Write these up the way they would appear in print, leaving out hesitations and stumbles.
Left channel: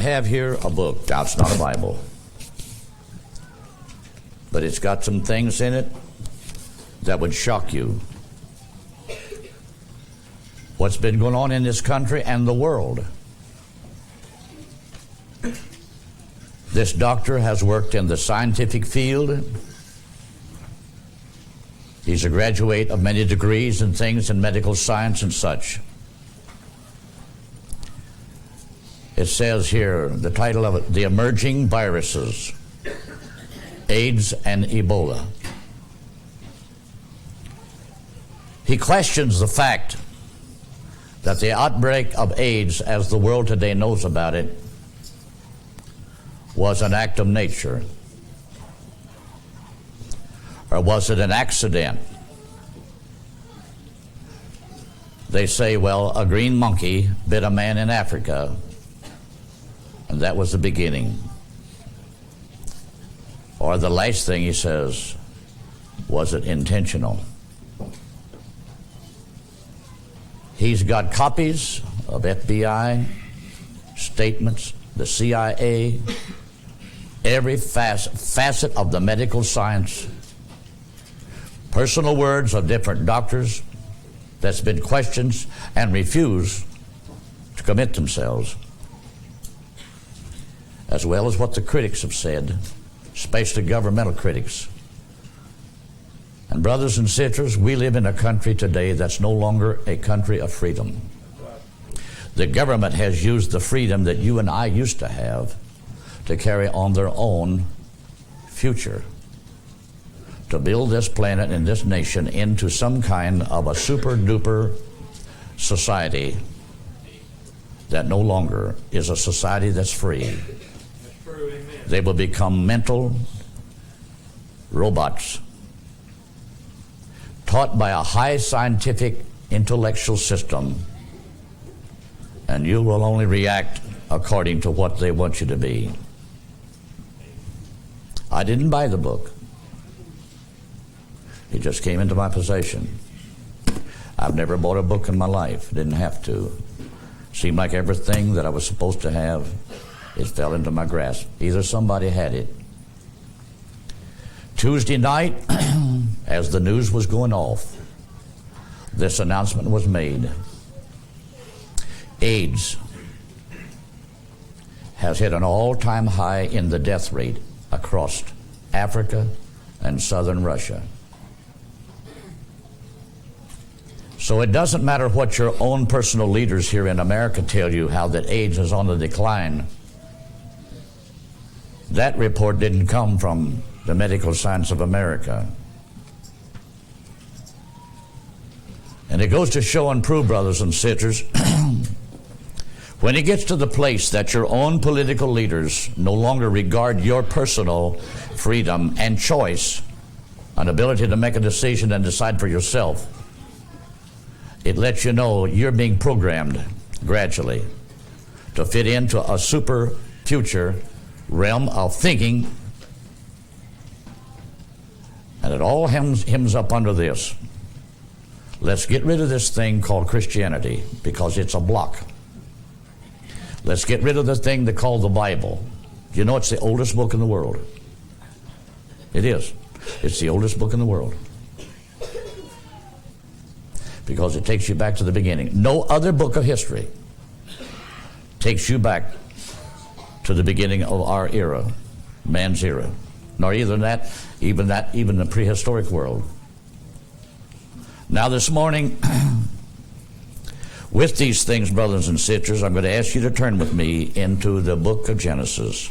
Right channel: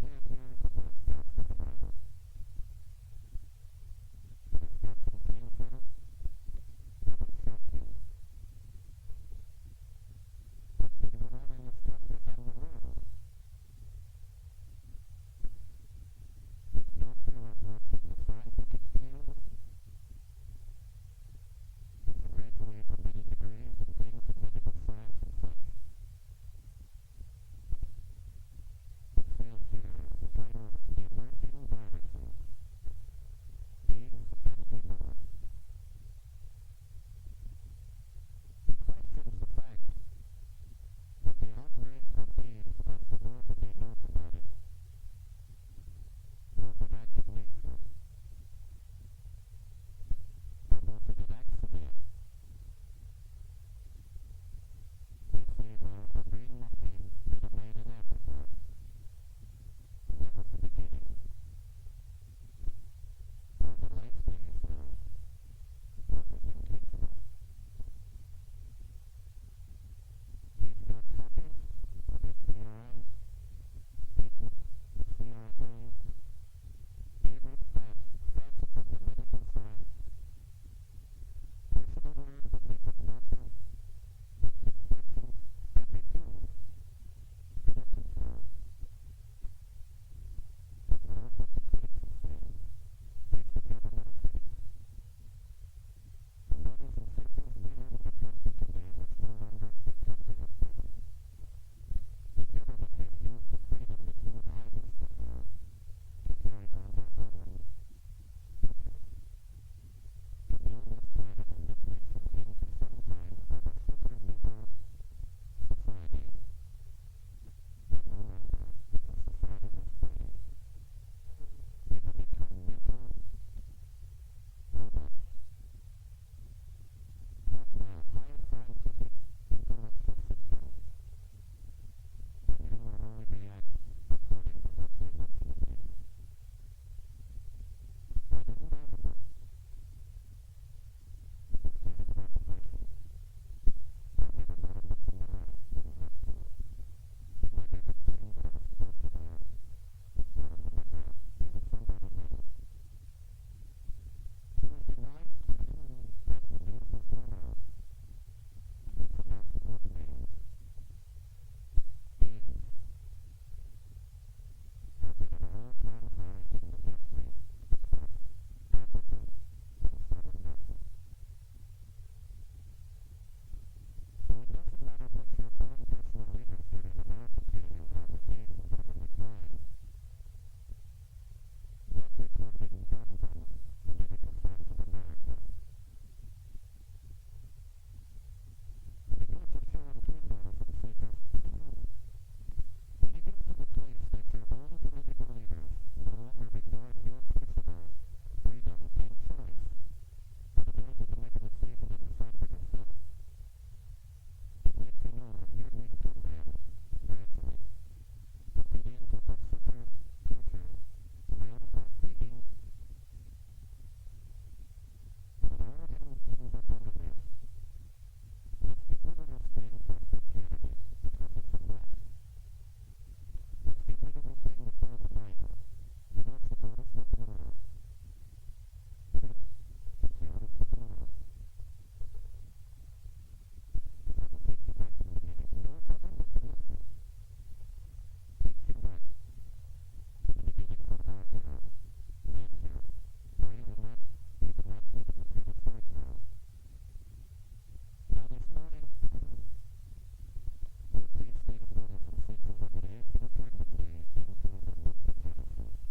have here a book. Now, it's not a Bible, but it's got some things in it that would shock you. What's been going on in this country and the world. This doctor has worked in the scientific field. He's a graduate of many degrees and things in medical science and such. It says here, the title of it, The Emerging Viruses, AIDS and Ebola. He questions the fact that the outbreak of AIDS, as the world today knows about it, was an act of nature. Or was it an accident? They say, well, a green monkey bit a man in Africa, and that was the beginning. Or the last thing he says, was it intentional? He's got copies of FBI statements, the CIA, every facet of the medical science, personal words of different doctors that's been questioned and refused to commit themselves, as well as what the critics have said, especially governmental critics. And brothers and sisters, we live in a country today that's no longer a country of freedom. The government has used the freedom that you and I used to have to carry on their own future, to build this planet and this nation into some kind of a super-duper society that no longer is a society that's free. That's true, amen. They will become mental robots, taught by a high scientific intellectual system, and you will only react according to what they want you to be. I didn't buy the book. It just came into my possession. I've never bought a book in my life. Didn't have to. Seemed like everything that I was supposed to have, it fell into my grasp. Either somebody had it. Tuesday night, as the news was going off, this announcement was made. AIDS has hit an all-time high in the death rate across Africa and southern Russia. So it doesn't matter what your own personal leaders here in America tell you, how that AIDS is on the decline. That report didn't come from the medical science of America. And it goes to show and prove, brothers and sisters, when it gets to the place that your own political leaders no longer regard your personal freedom and choice, an ability to make a decision and decide for yourself, it lets you know you're being programmed gradually to fit into a super future realm of thinking. And it all hems up under this. Let's get rid of this thing called Christianity, because it's a block. Let's get rid of this thing they call the Bible. You know, it's the oldest book in the world. It is. It's the oldest book in the world, because it takes you back to the beginning. No other book of history takes you back to the beginning of our era, man's era, nor even the prehistoric world. Now this morning, with these things, brothers and sisters, I'm going to ask you to turn with me into the book of Genesis.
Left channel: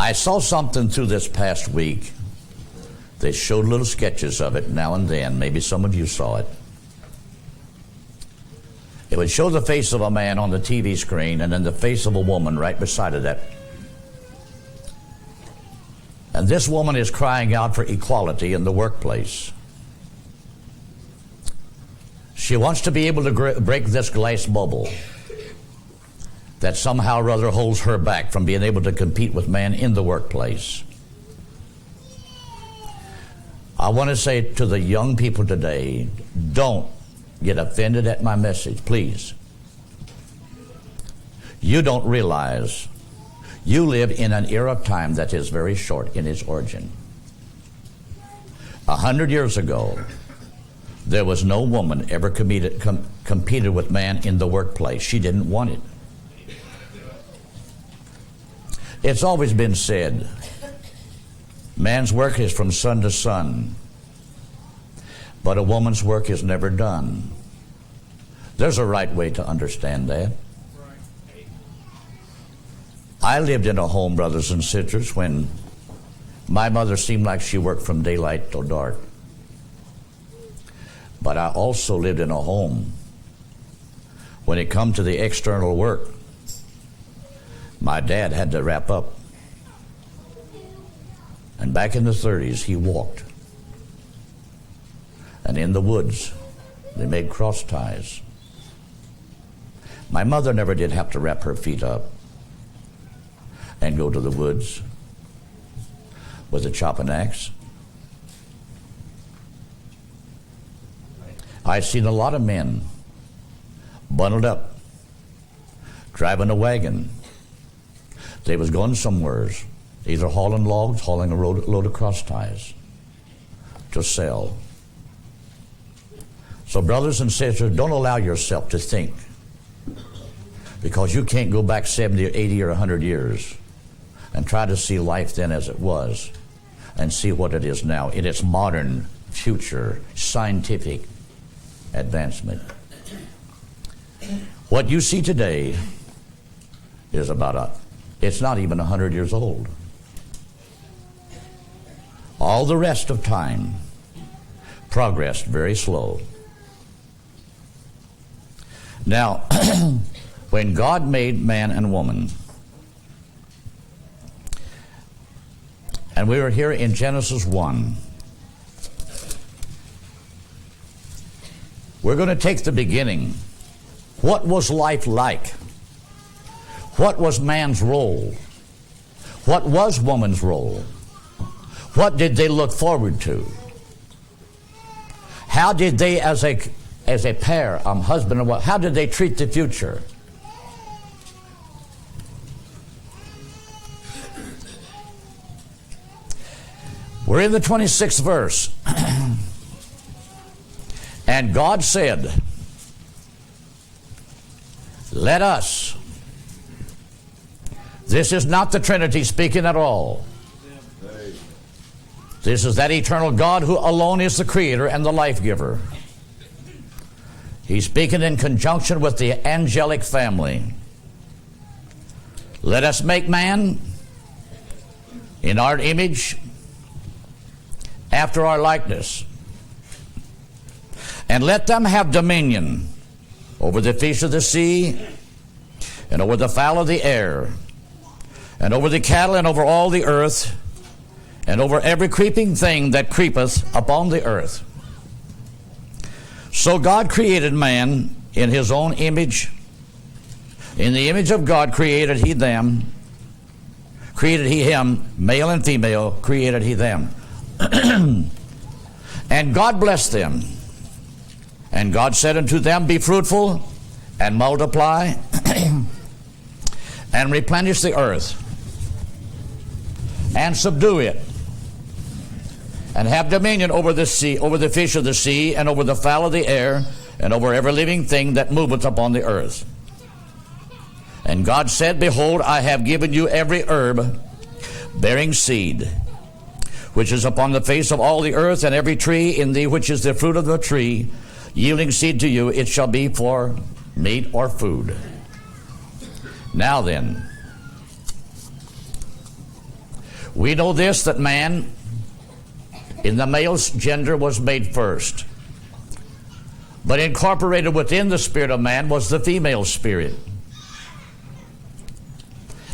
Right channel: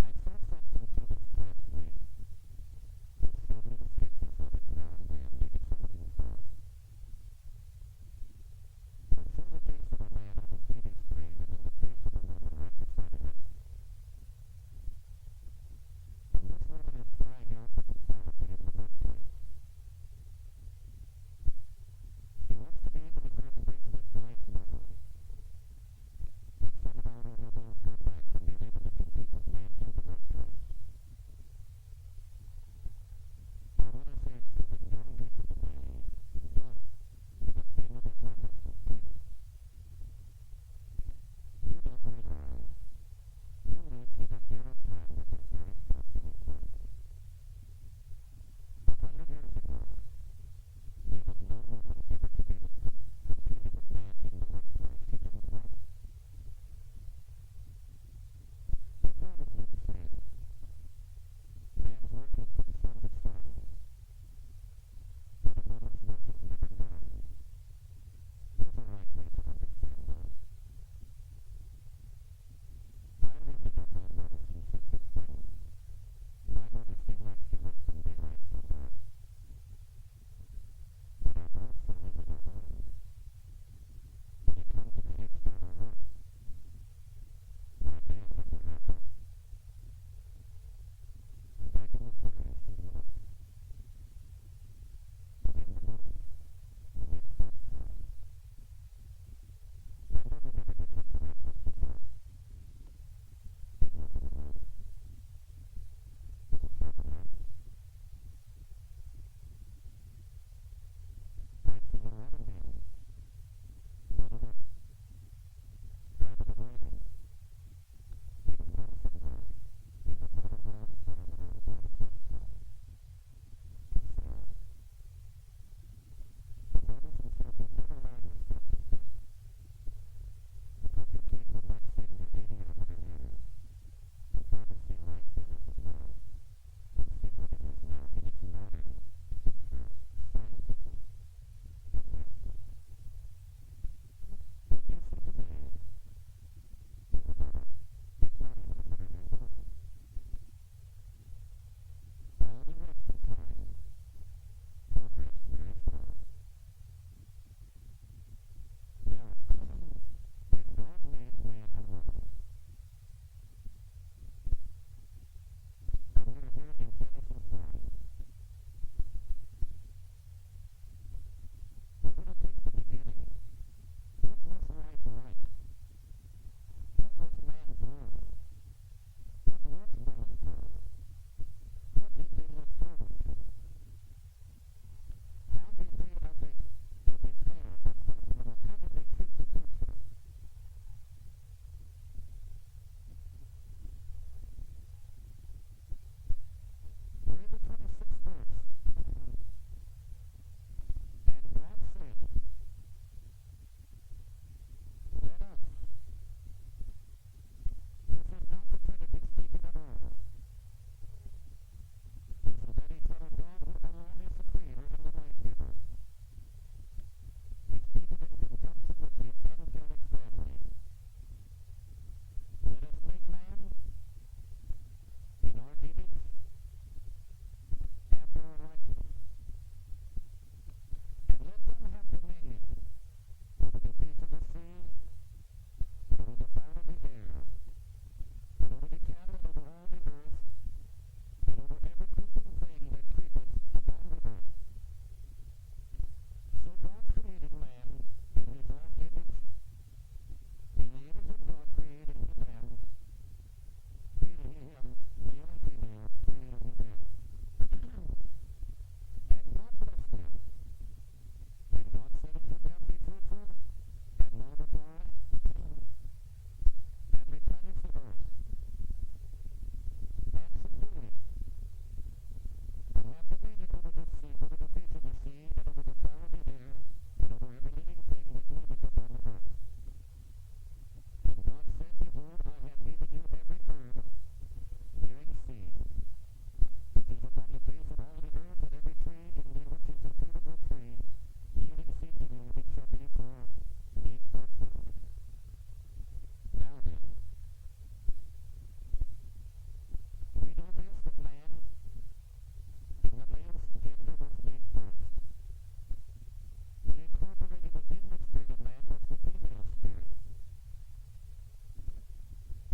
I saw something through this past week. They showed little sketches of it now and then. Maybe some of you saw it. It would show the face of a man on the TV screen and then the face of a woman right beside of that. And this woman is crying out for equality in the workplace. She wants to be able to break this glass bubble that somehow or other holds her back from being able to compete with man in the workplace. I want to say to the young people today, don't get offended at my message, please. You don't realize you live in an era of time that is very short in its origin. 100 years ago, there was no woman ever competed with man in the workplace. She didn't want it. It's always been said, man's work is from sun to sun, but a woman's work is never done. There's a right way to understand that. I lived in a home, brothers and sisters, when my mother seemed like she worked from daylight till dark. But I also lived in a home when it come to the external work. My dad had to wrap up. And back in the 30s, he walked. And in the woods, they made cross ties. My mother never did have to wrap her feet up and go to the woods with a chopping axe. I've seen a lot of men bundled up, driving a wagon. They was going somewheres, either hauling logs, hauling a load of cross ties to sell. So brothers and sisters, don't allow yourself to think because you can't go back 70 or 80 or 100 years and try to see life then as it was and see what it is now in its modern, future, scientific advancement. What you see today is it's not even 100 years old. All the rest of time progressed very slow. Now, when God made man and woman, and we were here in Genesis 1, we're going to take the beginning. What was life like? What was man's role? What was woman's role? What did they look forward to? How did they, as a pair, husband and wife, how did they treat the future? We're in the 26th verse. And God said, let us. This is not the Trinity speaking at all. This is that eternal God who alone is the creator and the life giver. He's speaking in conjunction with the angelic family. Let us make man in our image, after our likeness, and let them have dominion over the fish of the sea, and over the fowl of the air, and over the cattle, and over all the earth, and over every creeping thing that creepeth upon the earth. So God created man in his own image. In the image of God created he them. Created he him, male and female, created he them. And God blessed them. And God said unto them, be fruitful, and multiply, and replenish the earth, and subdue it, and have dominion over the sea, over the fish of the sea, and over the fowl of the air, and over every living thing that moveth upon the earth. And God said, behold, I have given you every herb bearing seed, which is upon the face of all the earth, and every tree in thee which is the fruit of the tree, yielding seed to you, it shall be for meat or food. Now then, we know this, that man in the male's gender was made first. But incorporated within the spirit of man was the female spirit.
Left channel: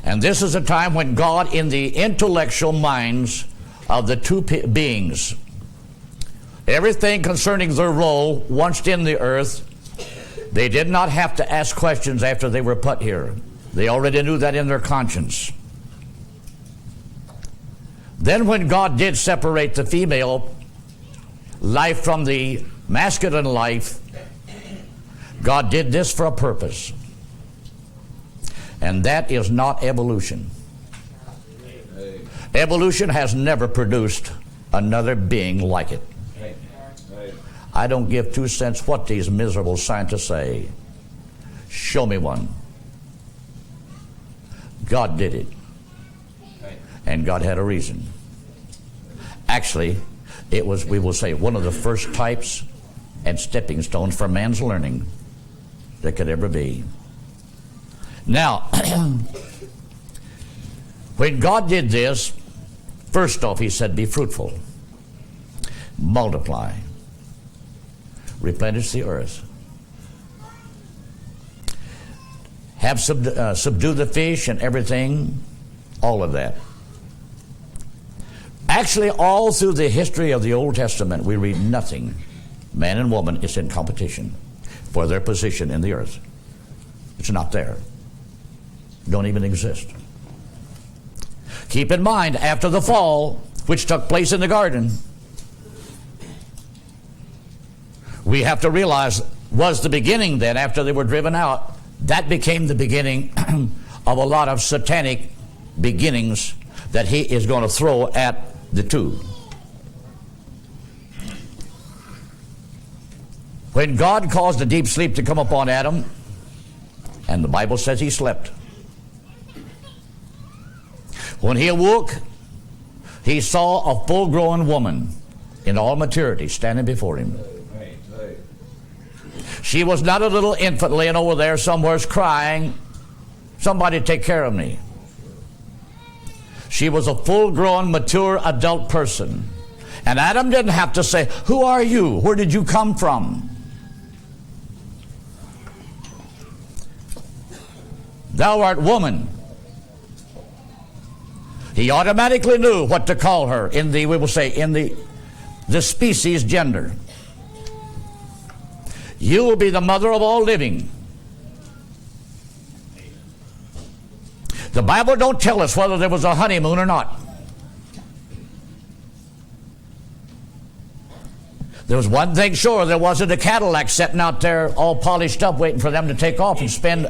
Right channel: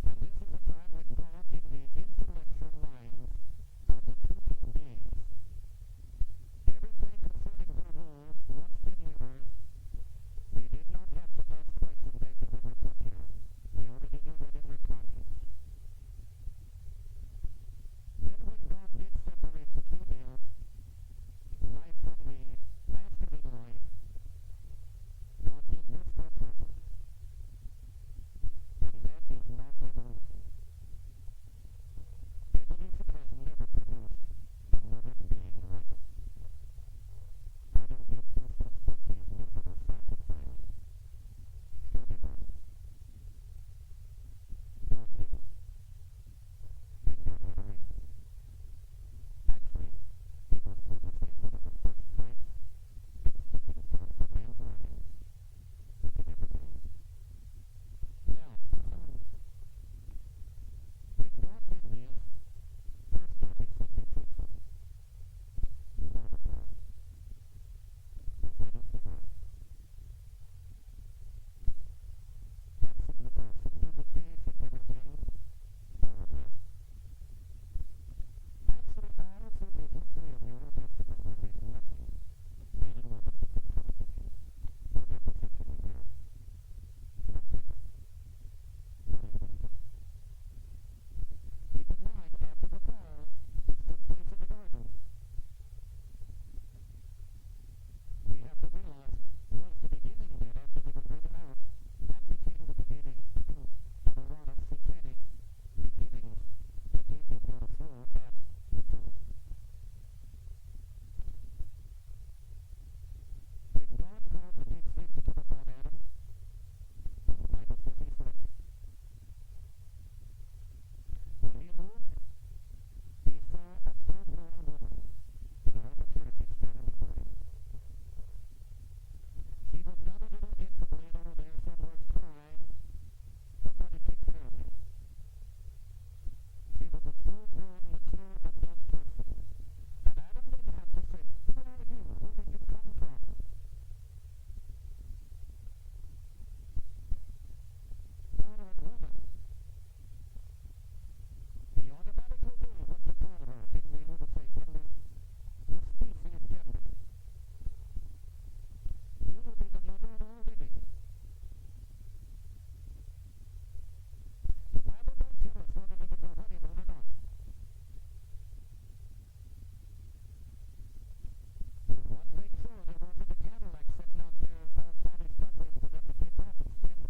And this is a time when God, in the intellectual minds of the two beings. Everything concerning their role once in the earth, they did not have to ask questions after they were put here. They already knew that in their conscience. Then when God did separate the female life from the masculine life, God did this for a purpose. And that is not evolution. Evolution has never produced another being like it. I don't give 2 cents what these miserable scientists say. Show me one. God did it. And God had a reason. Actually, it was, we will say, one of the first types and stepping stones for man's learning that could ever be. Now, when God did this, first off, he said, be fruitful, multiply, replenish the earth, have subdue the fish and everything, all of that. Actually, all through the history of the Old Testament, we read nothing. Man and woman is in competition for their position in the earth. It's not there. Don't even exist. Keep in mind, after the fall, which took place in the garden, we have to realize was the beginning then, after they were driven out, that became the beginning of a lot of satanic beginnings that he is going to throw at the two. When God caused a deep sleep to come upon Adam, and the Bible says he slept, when he awoke, he saw a full-grown woman in all maturity standing before him. She was not a little infant laying over there somewhere crying, somebody take care of me. She was a full-grown, mature adult person. And Adam didn't have to say, who are you? Where did you come from? Thou art woman. He automatically knew what to call her in the, we will say, in the species gender. You will be the mother of all living. The Bible don't tell us whether there was a honeymoon or not. There was one thing sure, there wasn't a Cadillac sitting out there all polished up waiting for them to take off and spend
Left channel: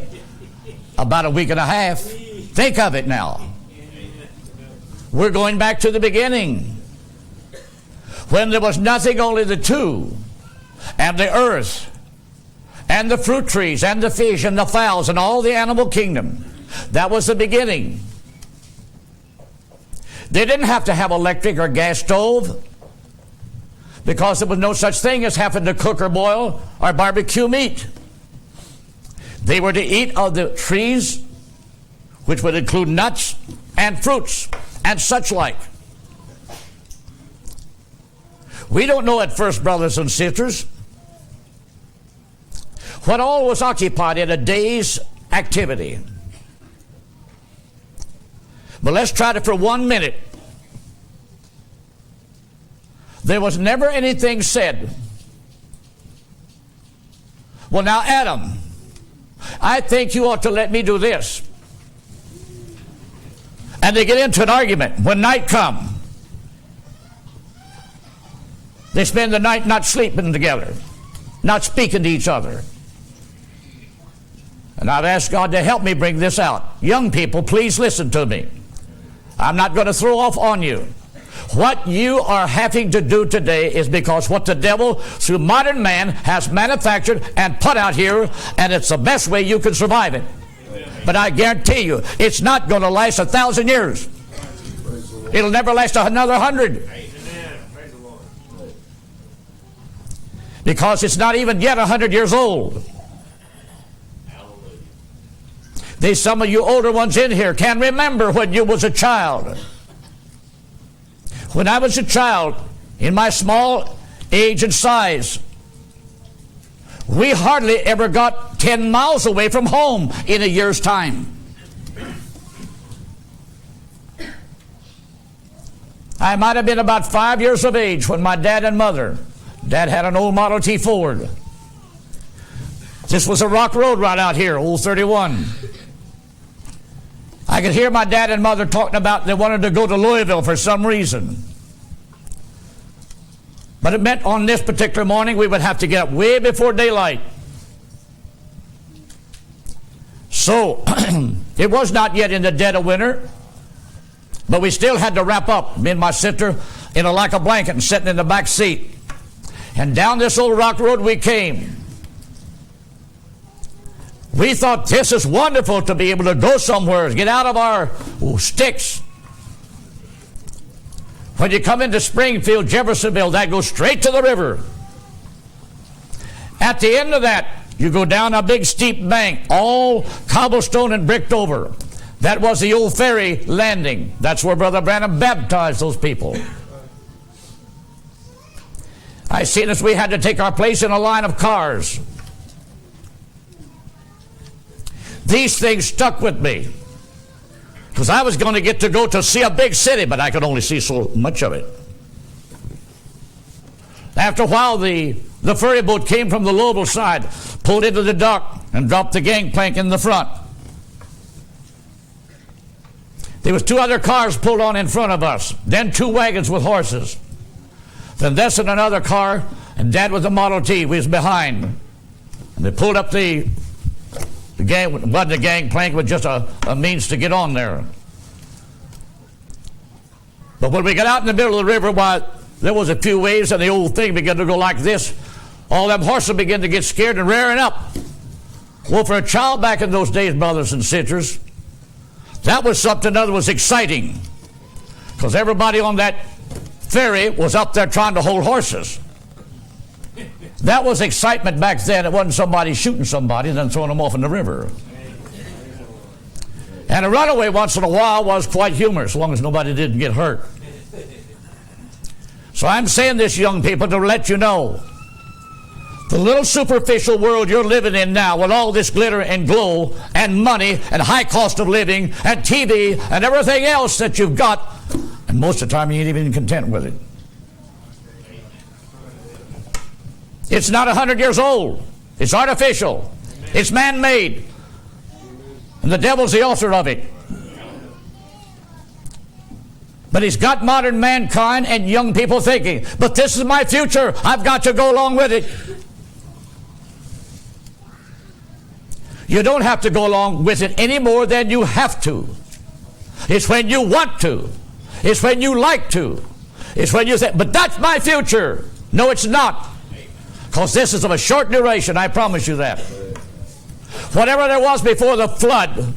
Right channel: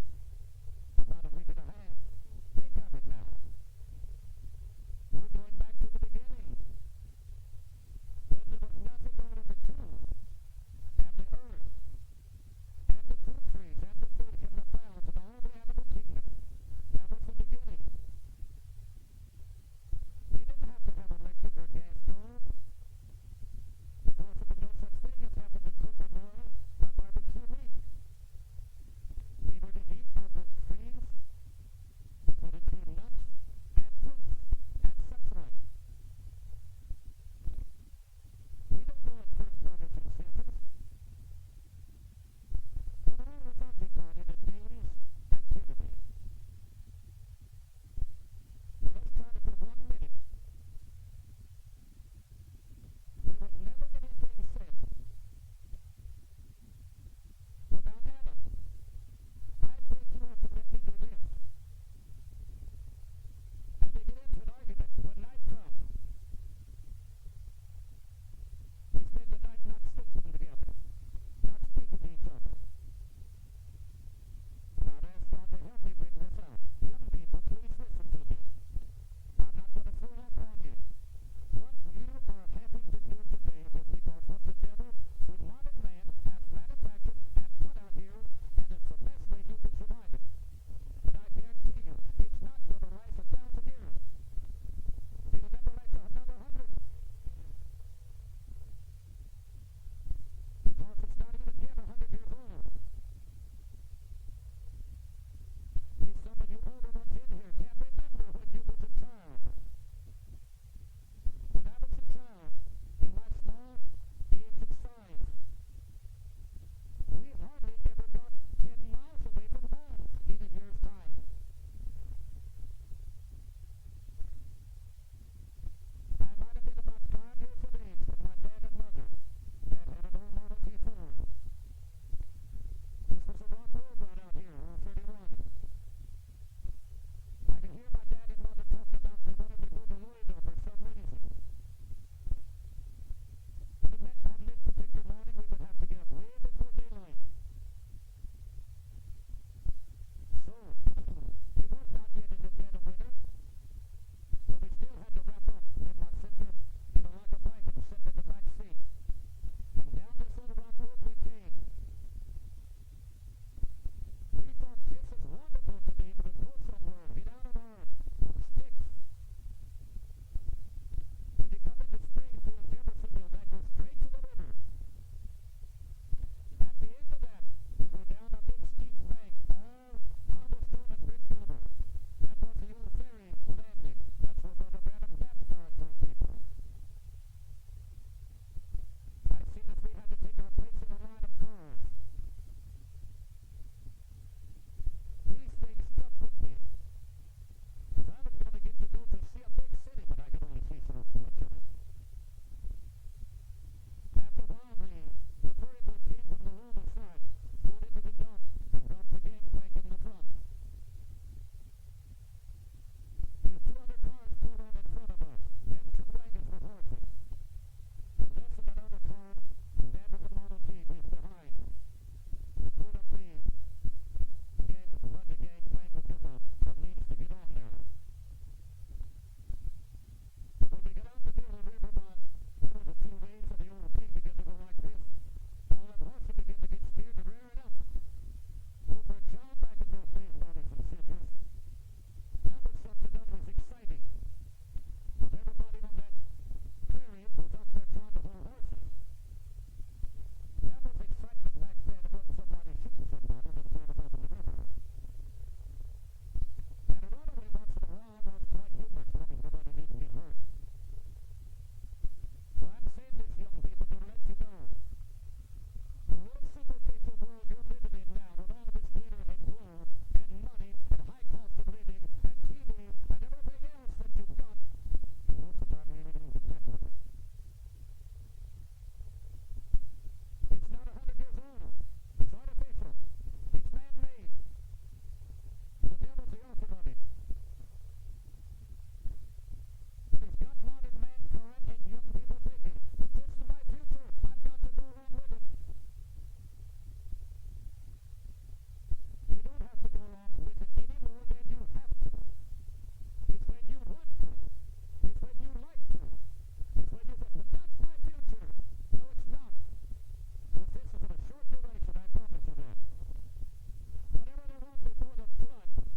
about a week and a half. Think of it now. We're going back to the beginning, when there was nothing, only the two, and the earth, and the fruit trees, and the fish, and the fowls, and all the animal kingdom. That was the beginning. They didn't have to have electric or gas stove, because there was no such thing as having to cook or boil or barbecue meat. They were to eat of the trees, which would include nuts and fruits and such like. We don't know at first, brothers and sisters, what all was occupied in a day's activity. But let's try it for 1 minute. There was never anything said, well, now, Adam, I think you ought to let me do this. And they get into an argument. When night comes, they spend the night not sleeping together, not speaking to each other. And I've asked God to help me bring this out. Young people, please listen to me. I'm not going to throw off on you. What you are having to do today is because what the devil, through modern man, has manufactured and put out here, and it's the best way you can survive it. But I guarantee you, it's not going to last 1,000 years. It'll never last another 100. Because it's not even yet 100 years old. There's some of you older ones in here can remember when you was a child. When I was a child, in my small age and size, we hardly ever got 10 miles away from home in a year's I might have been about 5 years of age when my dad and mother, Dad had an old Model T Ford. This was a rock road right out here, Old 31. I could hear my dad and mother talking about they wanted to go to Louisville for some reason. But it meant on this particular morning we would have to get up way before daylight. So it was not yet in the dead of winter, but we still had to wrap up, me and my sister, in like a blanket and sitting in the back seat. And down this old rock road we came. We thought this is wonderful to be able to go somewhere, get out of our sticks. When you come into Springfield, Jeffersonville, that goes straight to the river. At the end of that, you go down a big steep bank, all cobblestone and bricked over. That was the old ferry landing. That's where Brother Branham baptized those people. I seen as we had to take our place in a line of cars. These things stuck with me, because I was going to get to go to see a big city, but I could only see so much of it. After a while, the ferry boat came from the Louisville side, pulled into the dock, and dropped the gangplank in the front. There was 2 other cars pulled on in front of us, then 2 wagons with horses. Then this and another car, and Dad with the Model T. We was behind. And they pulled up the gangplank was just a means to get on there. But when we got out in the middle of the river, why, there was a few waves and the old thing began to go like this. All them horses began to get scared and rearing up. Well, for a child back in those days, brothers and sisters, that was something that was exciting, because everybody on that ferry was up there trying to hold horses. That was excitement back then. It wasn't somebody shooting somebody and then throwing them off in the river. And a runaway once in a while was quite humorous, as long as nobody didn't get hurt. So I'm saying this, young people, to let you know, the little superficial world you're living in now, with all this glitter and glow and money and high cost of living and TV and everything else that you've got, and most of the time you ain't even content with it. It's not 100 years old. It's artificial. It's man-made. And the devil's the author of it. But he's got modern mankind and young people thinking, but this is my future. I've got to go along with it. You don't have to go along with it any more than you have to. It's when you want to. It's when you like to. It's when you say, but that's my future. No, it's not. Because this is of a short duration, I promise you that. Whatever there was before the flood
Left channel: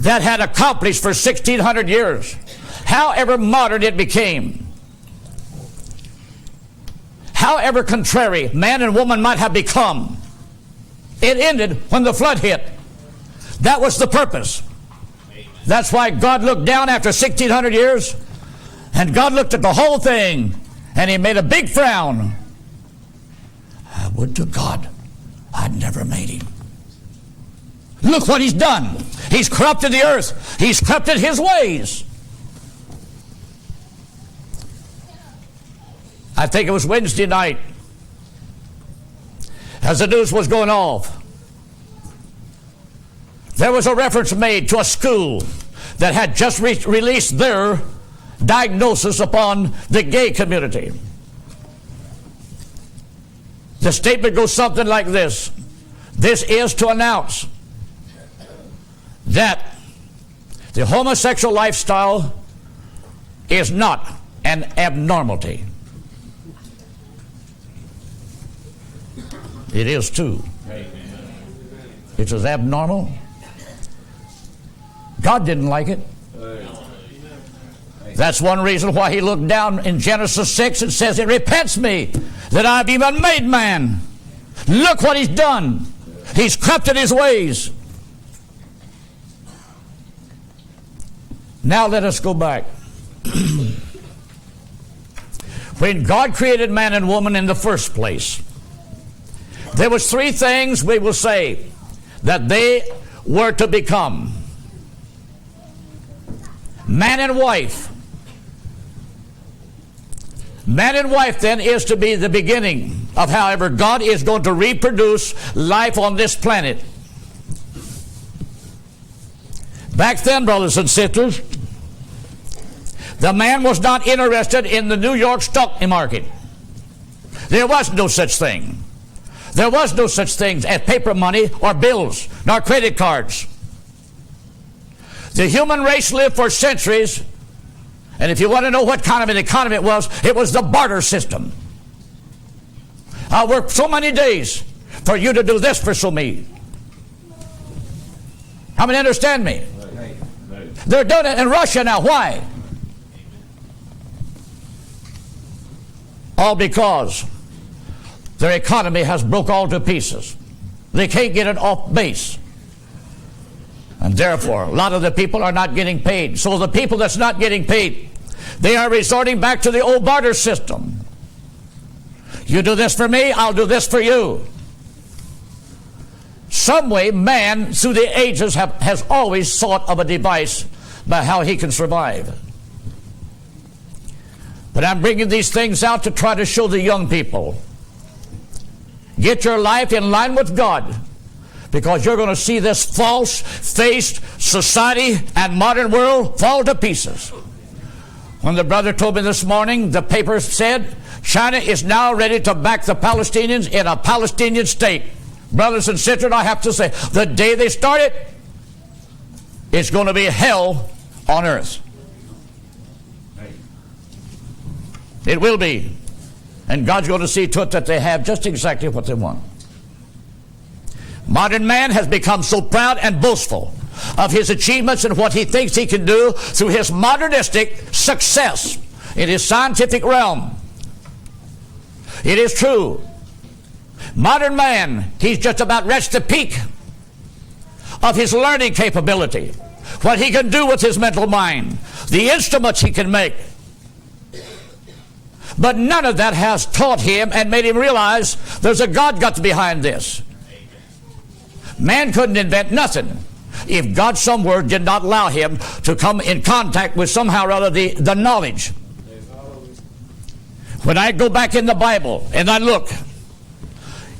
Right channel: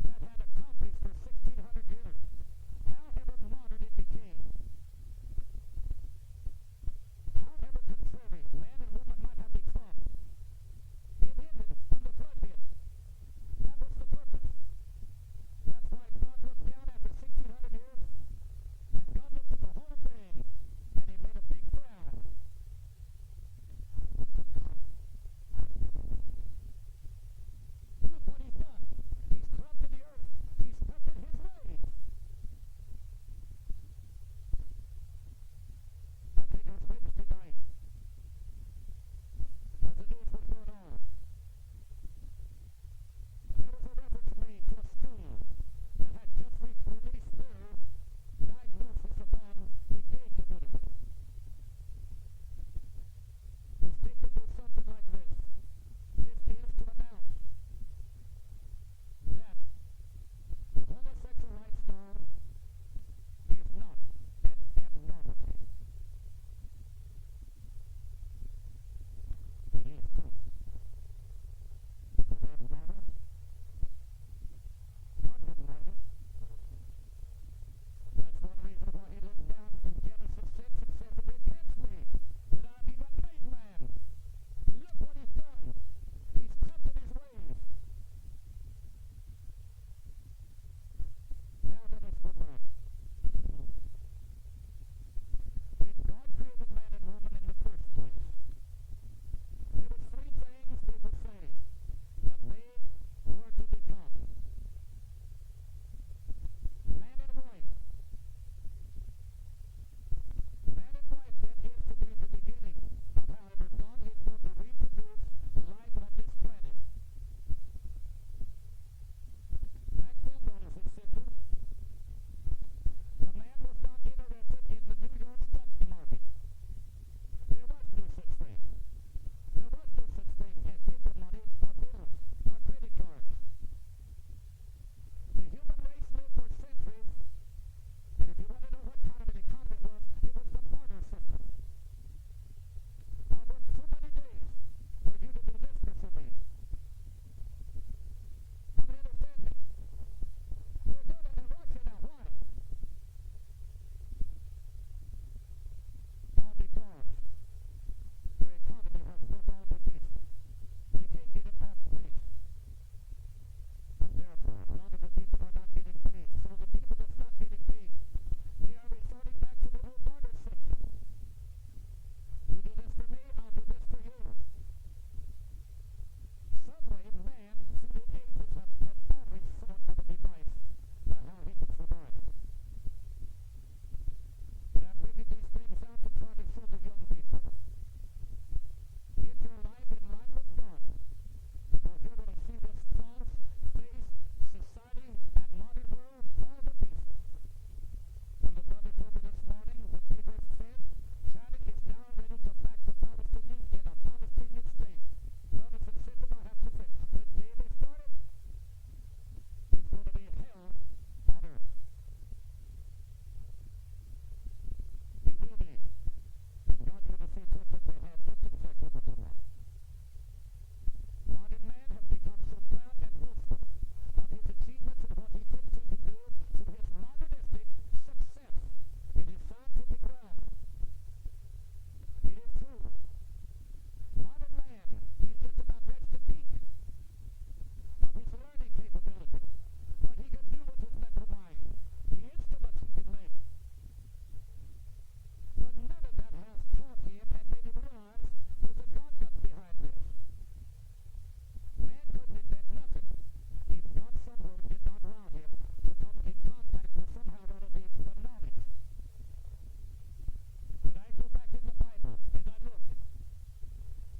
that had accomplished for 1,600 years, however modern it became, however contrary man and woman might have become, it ended when the flood hit. That was the purpose. That's why God looked down after 1,600 years, and God looked at the whole thing, and he made a big frown. I would to God I'd never made him. Look what he's done. He's corrupted the earth. He's corrupted his ways. I think it was Wednesday night, as the news was going off, there was a reference made to a school that had just released their diagnosis upon the gay community. The statement goes something like this: this is to announce that the homosexual lifestyle is not an abnormality. It is too. It is abnormal. God didn't like it. That's one reason why he looked down in Genesis 6 and says, it repents me that I've even made man. Look what he's done. He's corrupted his ways. Now let us go back. When God created man and woman in the first place, there was 3 things we will say that they were to become. Man and wife Man and wife then is to be the beginning of however God is going to reproduce life on this planet. Back then, brothers and sisters, the man was not interested in the New York stock market. There was no such thing. There was no such things as paper money or bills nor credit cards. The human race lived for centuries, and if you want to know what kind of an economy it was the barter system. I'll work so many days for you to do this for so many. How many understand me? They're doing it in Russia now. Why? All because their economy has broke all to pieces. They can't get it off base. And therefore, a lot of the people are not getting paid. So the people that's not getting paid, they are resorting back to the old barter system. You do this for me, I'll do this for you. Some way, man, through the ages, has always thought of a device by how he can survive. But I'm bringing these things out to try to show the young people, get your life in line with God, because you're going to see this false-faced society and modern world fall to pieces. When the brother told me this morning, the paper said, China is now ready to back the Palestinians in a Palestinian state. Brothers and sisters, I have to say, the day they start it, it's going to be hell on earth. It will be. And God's going to see to it that they have just exactly what they want. Modern man has become so proud and boastful of his achievements and what he thinks he can do through his modernistic success in his scientific realm. It is true. Modern man, he's just about reached the peak of his learning capability, what he can do with his mental mind, the instruments he can make. But none of that has taught him and made him realize there's a God got behind this. Man couldn't invent nothing if God somewhere did not allow him to come in contact with somehow or other the knowledge. When I go back in the Bible and I look,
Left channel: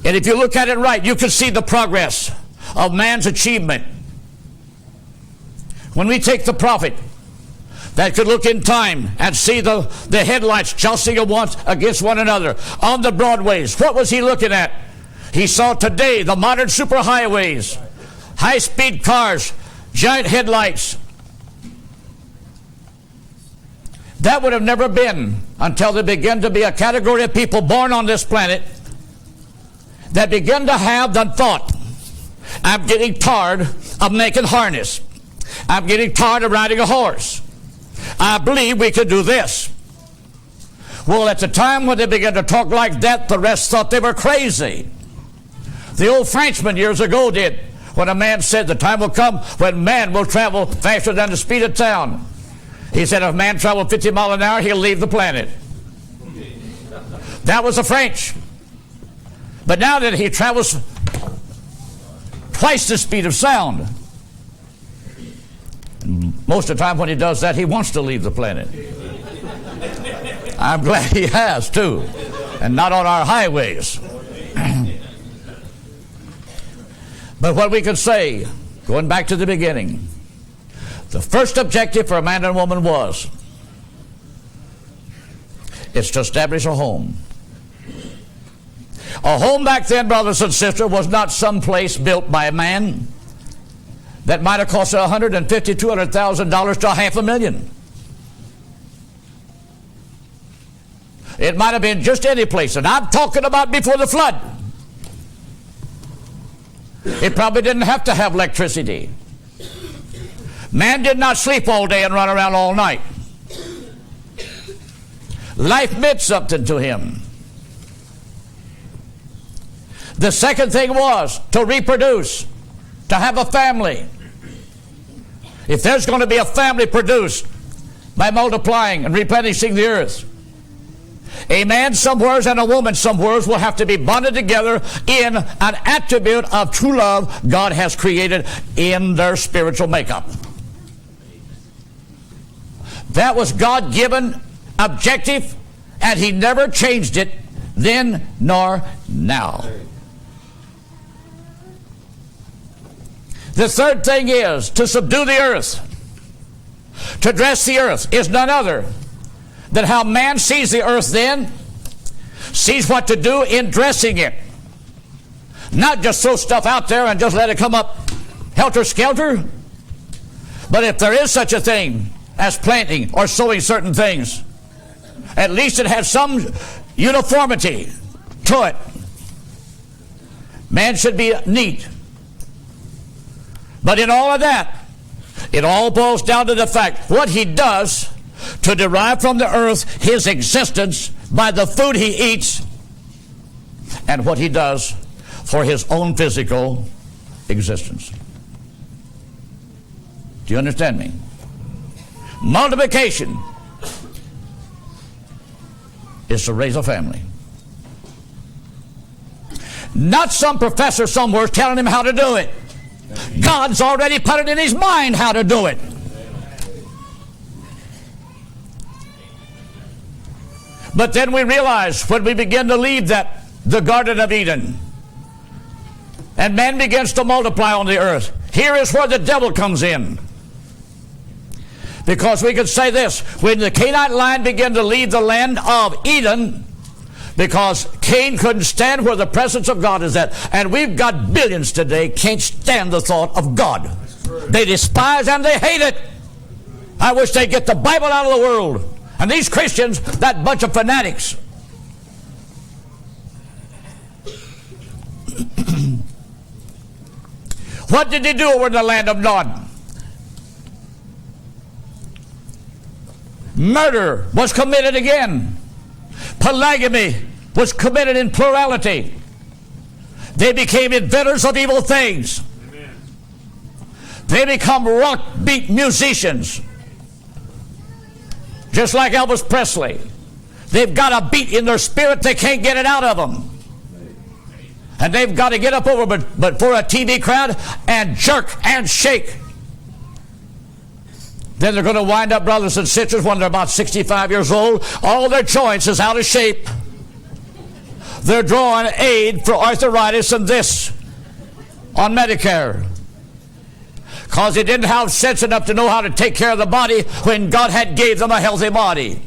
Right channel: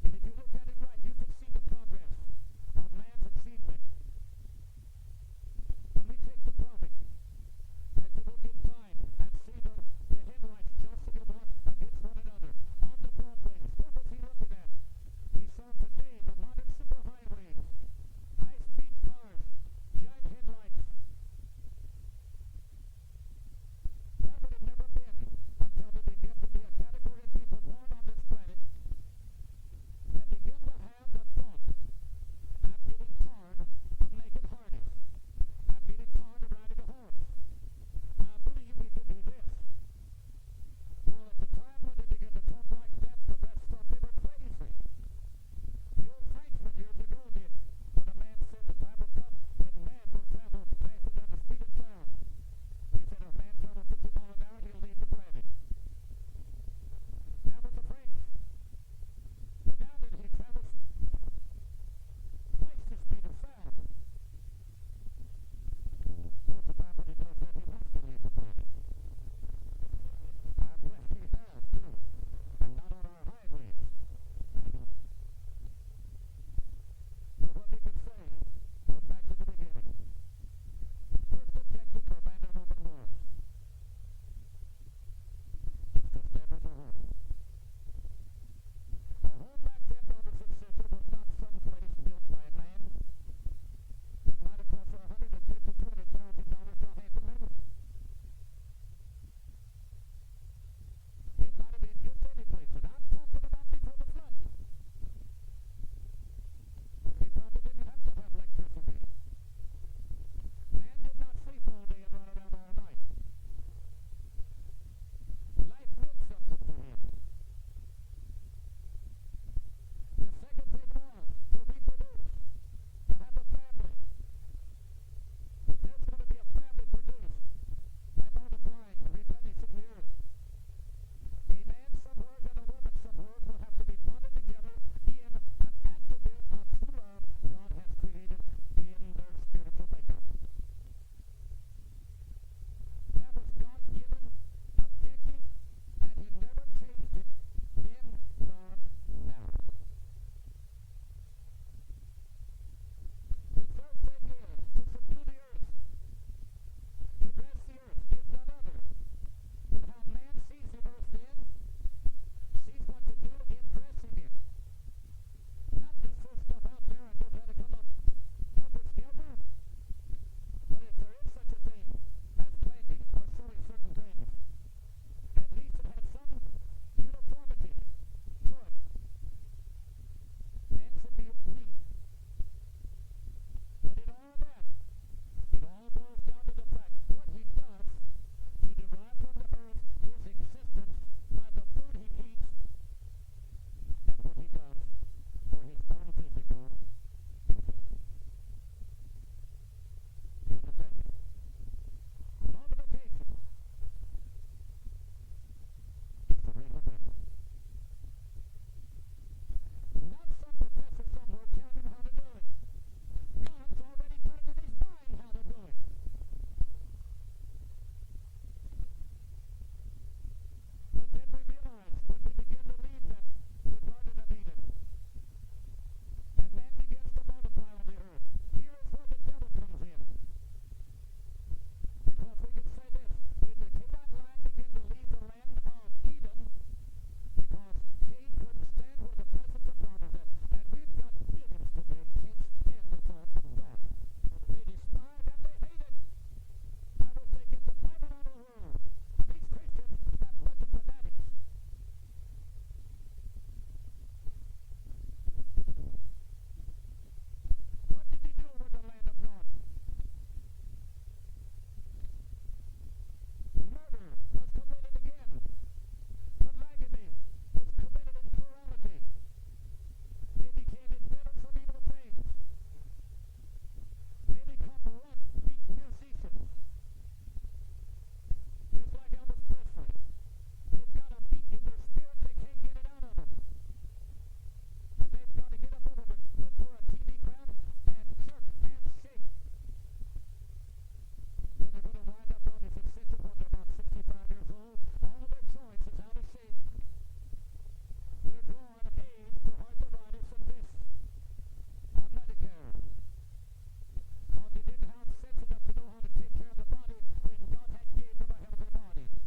and if you look at it right, you can see the progress of man's achievement. When we take the prophet that could look in time and see the headlights jousting against one another on the broadways, what was he looking at? He saw today the modern superhighways, high-speed cars, giant headlights. That would have never been until there began to be a category of people born on this planet that began to have the thought, I'm getting tired of making harness. I'm getting tired of riding a horse. I believe we could do this. Well, at the time when they began to talk like that, the rest thought they were crazy. The old Frenchman years ago did, when a man said the time will come when man will travel faster than the speed of sound. He said if man traveled 50 miles an hour, he'll leave the planet. That was the French. But now that he travels twice the speed of sound, most of the time when he does that, he wants to leave the planet. I'm glad he has, too, and not on our highways. But what we could say, going back to the beginning, the first objective for a man and woman was, it's to establish a home. A home back then, brothers and sisters, was not some place built by a man that might have cost $150,000, $200,000 to $500,000. It might have been just any place, and I'm talking about before the flood. It probably didn't have to have electricity. Man did not sleep all day and run around all night. Life meant something to him. The second thing was to reproduce, to have a family. If there's going to be a family produced by multiplying and replenishing the earth, a man somewheres and a woman somewheres will have to be bonded together in an attribute of true love God has created in their spiritual makeup. That was God-given objective And he never changed it then nor now. The third thing is to subdue the earth. To dress the earth is none other than how man sees the earth then, sees what to do in dressing it. Not just throw stuff out there and just let it come up helter-skelter. But if there is such a thing as planting or sowing certain things, at least it has some uniformity to it. Man should be neat. But in all of that, it all boils down to the fact what he does to derive from the earth his existence by the food he eats, and what he does for his own physical existence. Do you understand me? Multiplication is to raise a family. Not some professor somewhere telling him how to do it. God's already put it in his mind how to do it. But then we realize when we begin to leave the Garden of Eden, and man begins to multiply on the earth, here is where the devil comes in. Because we could say this, when the Canaanite line began to leave the land of Eden, because Cain couldn't stand where the presence of God is at. And we've got billions today can't stand the thought of God. They despise and they hate it. I wish they'd get the Bible out of the world. And these Christians, that bunch of fanatics. What did they do over in the land of Nod? Murder was committed again. Polygamy was committed in plurality. They became inventors of evil things. Amen. They become rock beat musicians. Just like Elvis Presley. They've got a beat in their spirit, they can't get it out of them. And they've got to get up over but for a TV crowd and jerk and shake. Then they're going to wind up, brothers and sisters, when they're about 65 years old, all their joints is out of shape. They're drawing aid for arthritis and this on Medicare. Because they didn't have sense enough to know how to take care of the body when God had gave them a healthy body.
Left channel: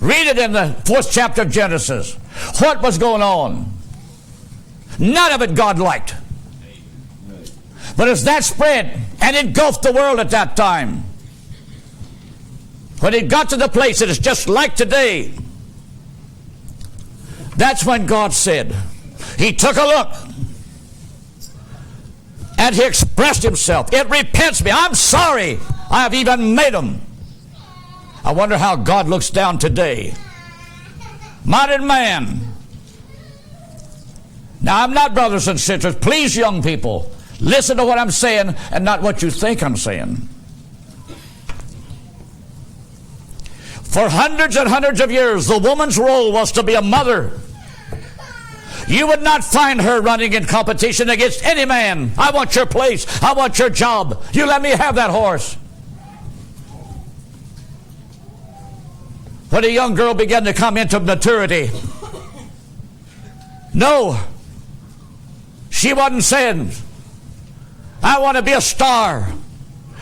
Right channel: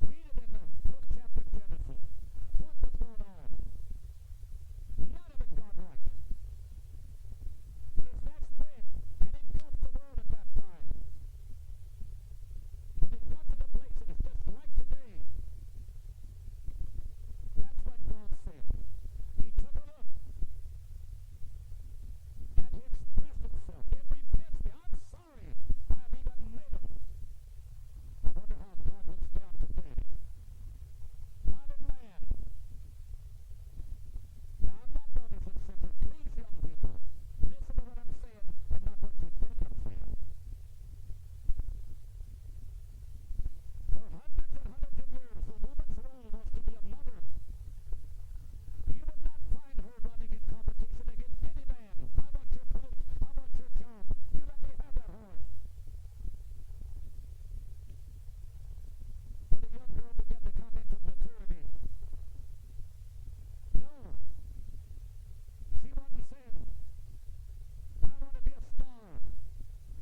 Read it in the 4th chapter of Genesis. What was going on? None of it God liked. But as that spread and engulfed the world at that time, when it got to the place that is just like today, that's when God said, he took a look and he expressed himself. It repents me. I'm sorry I have even made them. I wonder how God looks down today. Modern man. Now, I'm not, brothers and sisters, please, young people, listen to what I'm saying and not what you think I'm saying. For hundreds and hundreds of years, the woman's role was to be a mother. You would not find her running in competition against any man. I want your place. I want your job. You let me have that horse. When a young girl began to come into maturity, no, she wasn't saying, I want to be a star.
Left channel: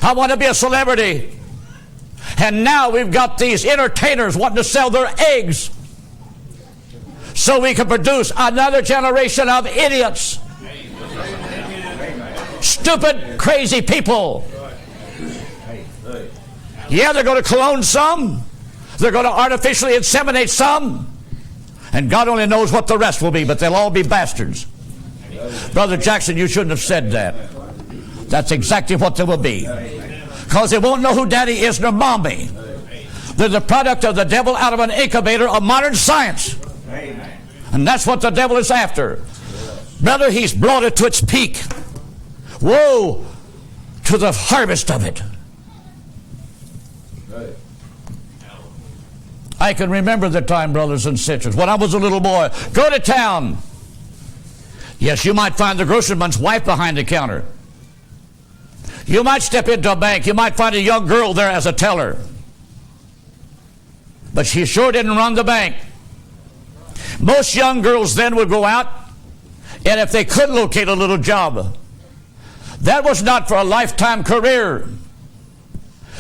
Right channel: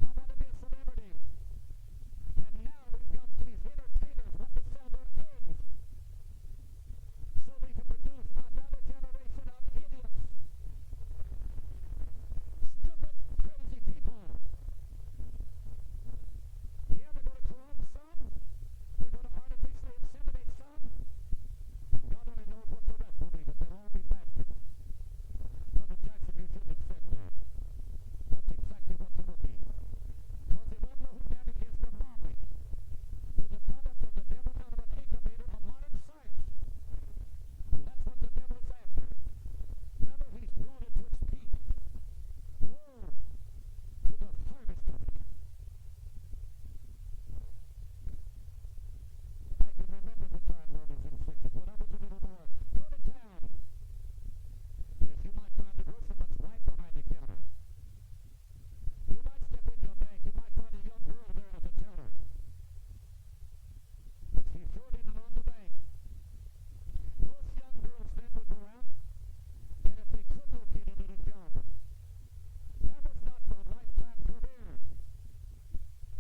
I want to be a celebrity. And now we've got these entertainers wanting to sell their eggs so we can produce another generation of idiots. Stupid, crazy people. Yeah, they're going to clone some. They're going to artificially inseminate some. And God only knows what the rest will be, but they'll all be bastards. Brother Jackson, you shouldn't have said that. That's exactly what they will be. Because they won't know who daddy is nor mommy. They're the product of the devil out of an incubator of modern science. And that's what the devil is after. Brother, he's brought it to its peak. Woe to the harvest of it. I can remember the time, brothers and sisters, when I was a little boy. Go to town. Yes, you might find the grocerman's wife behind the counter. You might step into a bank. You might find a young girl there as a teller. but she sure didn't run the bank. Most young girls then would go out, and if they could locate a little job, that was not for a lifetime career.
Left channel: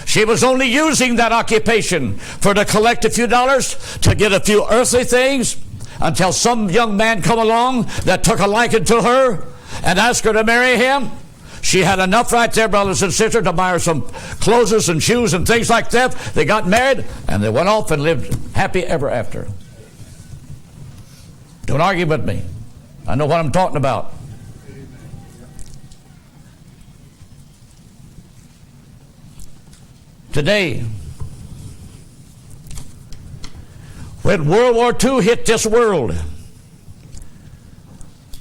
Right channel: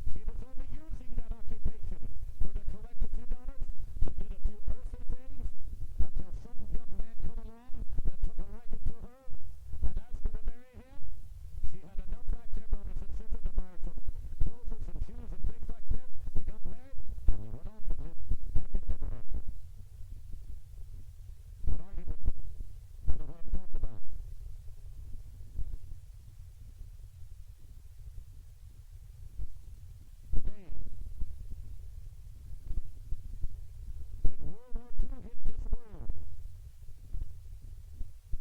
She was only using that occupation for to collect a few dollars, to get a few earthly things, until some young man come along that took a liking to her and asked her to marry him. She had enough right there, brothers and sisters, to buy her some clothes and shoes and things like that. They got married, and they went off and lived happy ever after. Don't argue with me. I know what I'm talking about. Today, when World War II hit this world,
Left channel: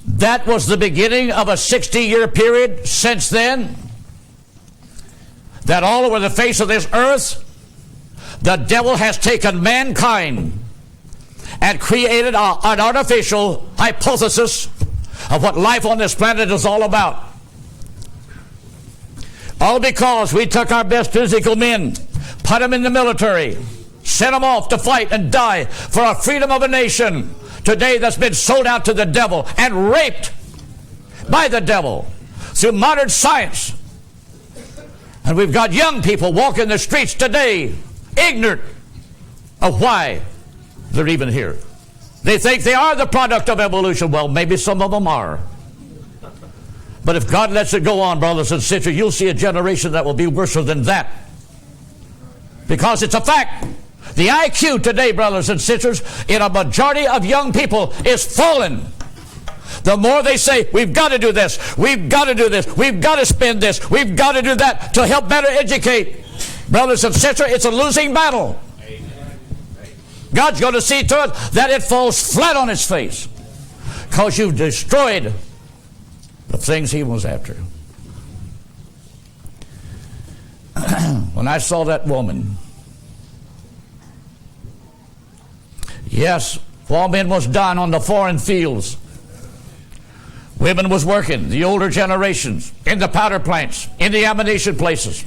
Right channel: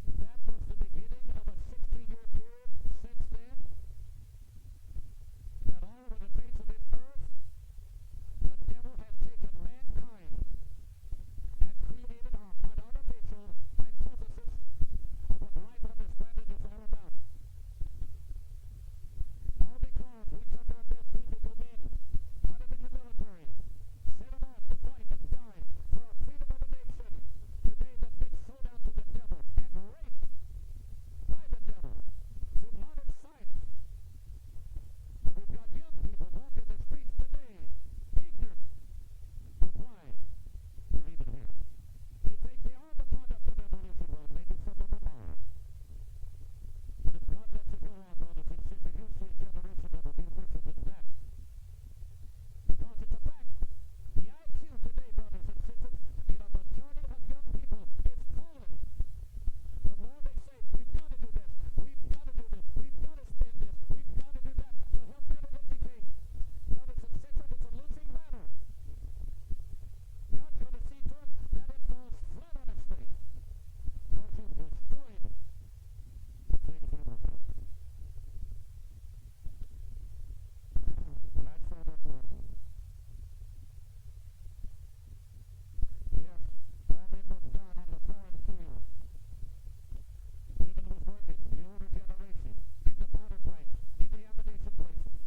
that was the beginning of a 60-year period since then, that all over the face of this earth, the devil has taken mankind and created an artificial hypothesis of what life on this planet is all about. All because we took our best physical men, put them in the military, sent them off to fight and die for our freedom of a nation today that's been sold out to the devil and raped by the devil through modern science. And we've got young people walking the streets today ignorant of why they're even here. They think they are the product of evolution. Well, maybe some of them are. But if God lets it go on, brothers and sisters, you'll see a generation that will be worse than that. Because it's a fact. The IQ today, brothers and sisters, in a majority of young people is fallen. The more they say, we've got to do this, we've got to do this, we've got to spend this, we've got to do that to help better educate. Brothers and sisters, it's a losing battle. God's going to see to it that it falls flat on its face, because you've destroyed the things he was after. When I saw that woman, yes, while men was dying on the foreign fields, women was working, the older generations, in the powder plants, in the ammunition places,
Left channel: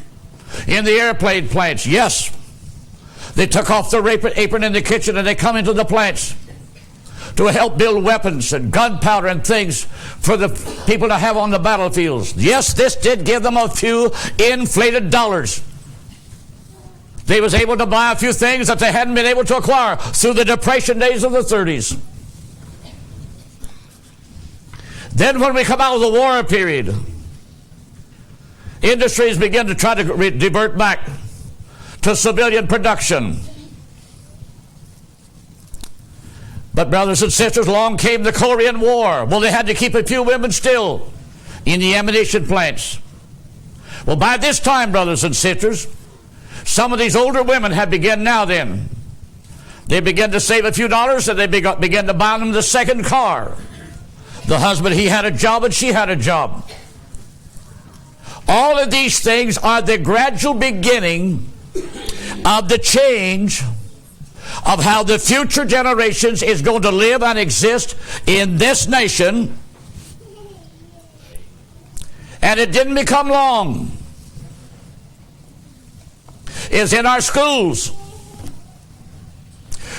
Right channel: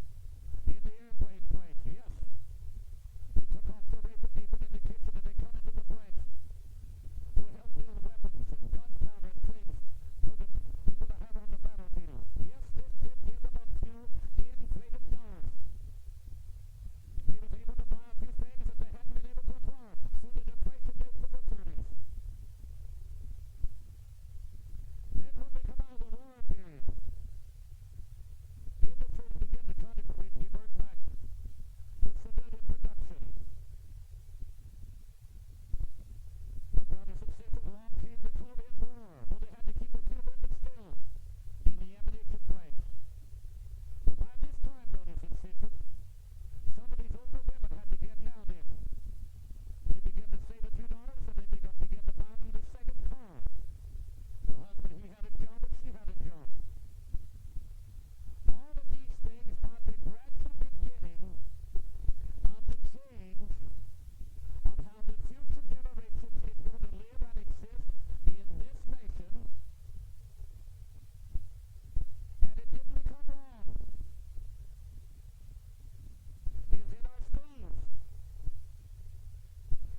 in the airplane plants. Yes, they took off their apron in the kitchen and they come into the plants to help build weapons and gunpowder and things for the people to have on the battlefields. Yes, this did give them a few inflated dollars. They was able to buy a few things that they hadn't been able to acquire through the Depression days of the 30s. Then when we come out of the war period, industries begin to try to divert back to civilian production. But brothers and sisters, along came the Korean War. Well, they had to keep a few women still in the ammunition plants. Well, by this time, brothers and sisters, some of these older women had begun now then. They began to save a few dollars, and they began to buy them the second car. The husband, he had a job and she had a job. All of these things are the gradual beginning of the change of how the future generations is going to live and exist in this nation. And it didn't become long. Is in our schools.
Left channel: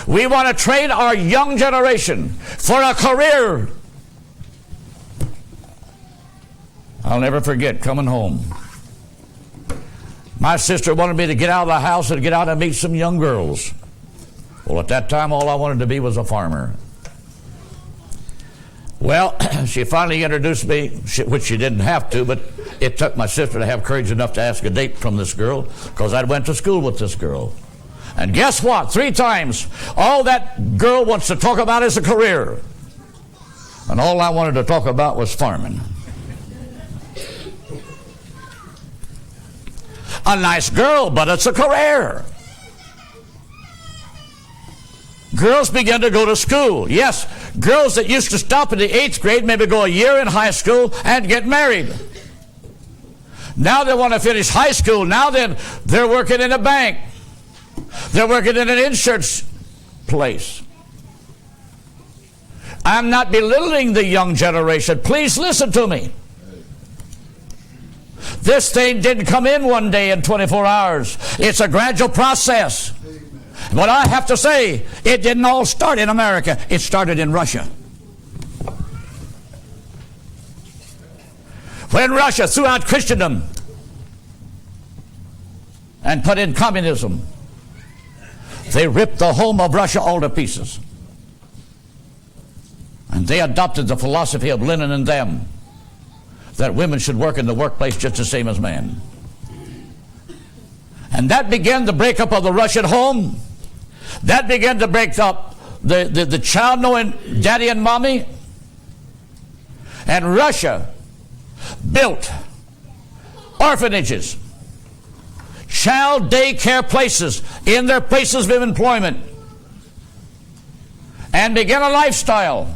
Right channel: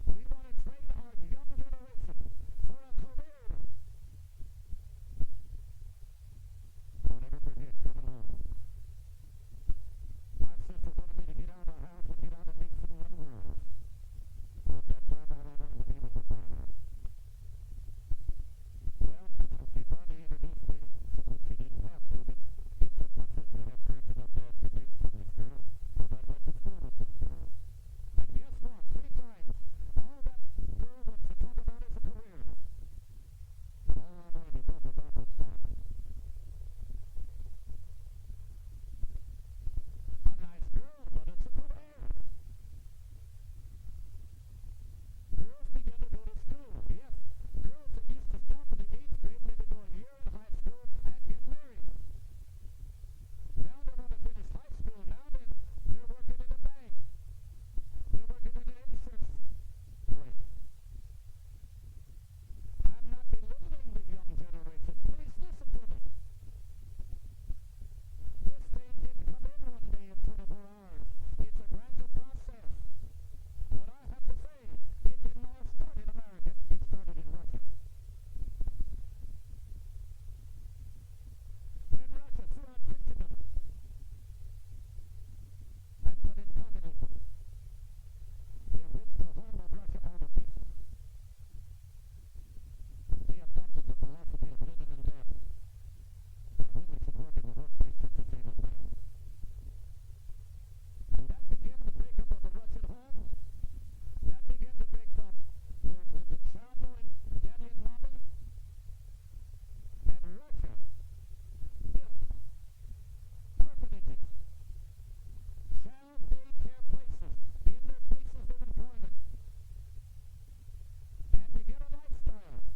We want to train our young generation for a career. I'll never forget coming home. My sister wanted me to get out of the house and get out and meet some young girls. Well, at that time, all I wanted to be was a farmer. Well, she finally introduced me, which she didn't have to, but it took my sister to have courage enough to ask a date from this girl, because I went to school with this girl. And guess what? 3 times, all that girl wants to talk about is a career. And all I wanted to talk about was farming. A nice girl, but it's a career. Girls begin to go to school. Yes, girls that used to stop in the 8th grade, maybe go a year in high school and get married. Now they want to finish high school. Now then, they're working in a bank. They're working in an insurance place. I'm not belittling the young generation. Please listen to me. This thing didn't come in one day in 24 hours. It's a gradual process. But I have to say, it didn't all start in America. It started in Russia. When Russia threw out Christendom and put in communism, they ripped the home of Russia all to pieces. And they adopted the philosophy of Lenin and them, that women should work in the workplace just the same as men. And that began the breakup of the Russian home. That began to break up the child knowing daddy and mommy. And Russia built orphanages, child daycare places in their places of employment, and began a lifestyle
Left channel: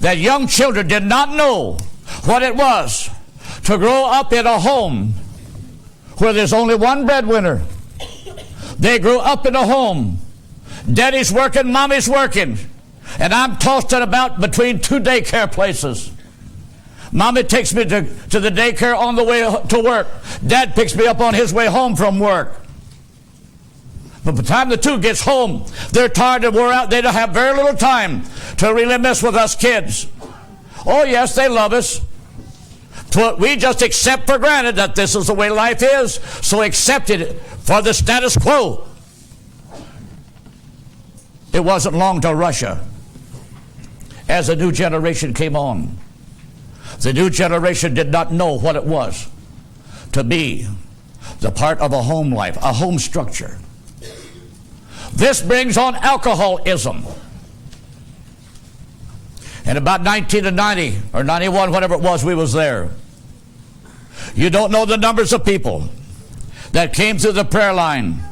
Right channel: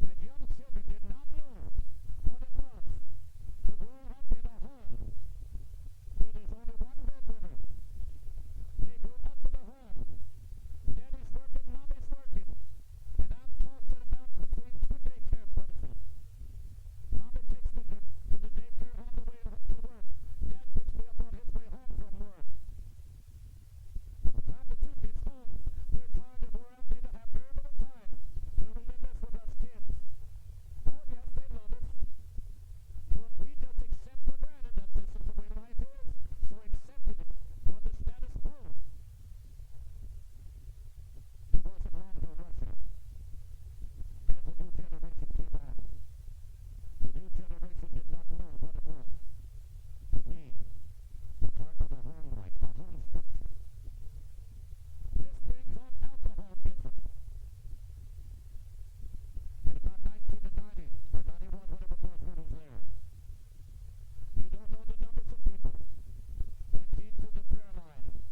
that young children did not know what it was to grow up in a home where there's only one breadwinner. They grew up in a home. Daddy's working, mommy's working, and I'm tossed about between two daycare places. Mommy takes me to the daycare on the way to work. Dad picks me up on his way home from work. But by the time the two gets home, they're tired and wore out. They don't have very little time to really mess with us kids. Oh, yes, they love us. We just accept for granted that this is the way life is, so accept it for the status quo. It wasn't long till Russia, as a new generation came on. The new generation did not know what it was to be the part of a home life, a home structure. This brings on alcoholism. In about 1990 or 91, whatever it was, we was there. You don't know the numbers of people that came through the prayer line.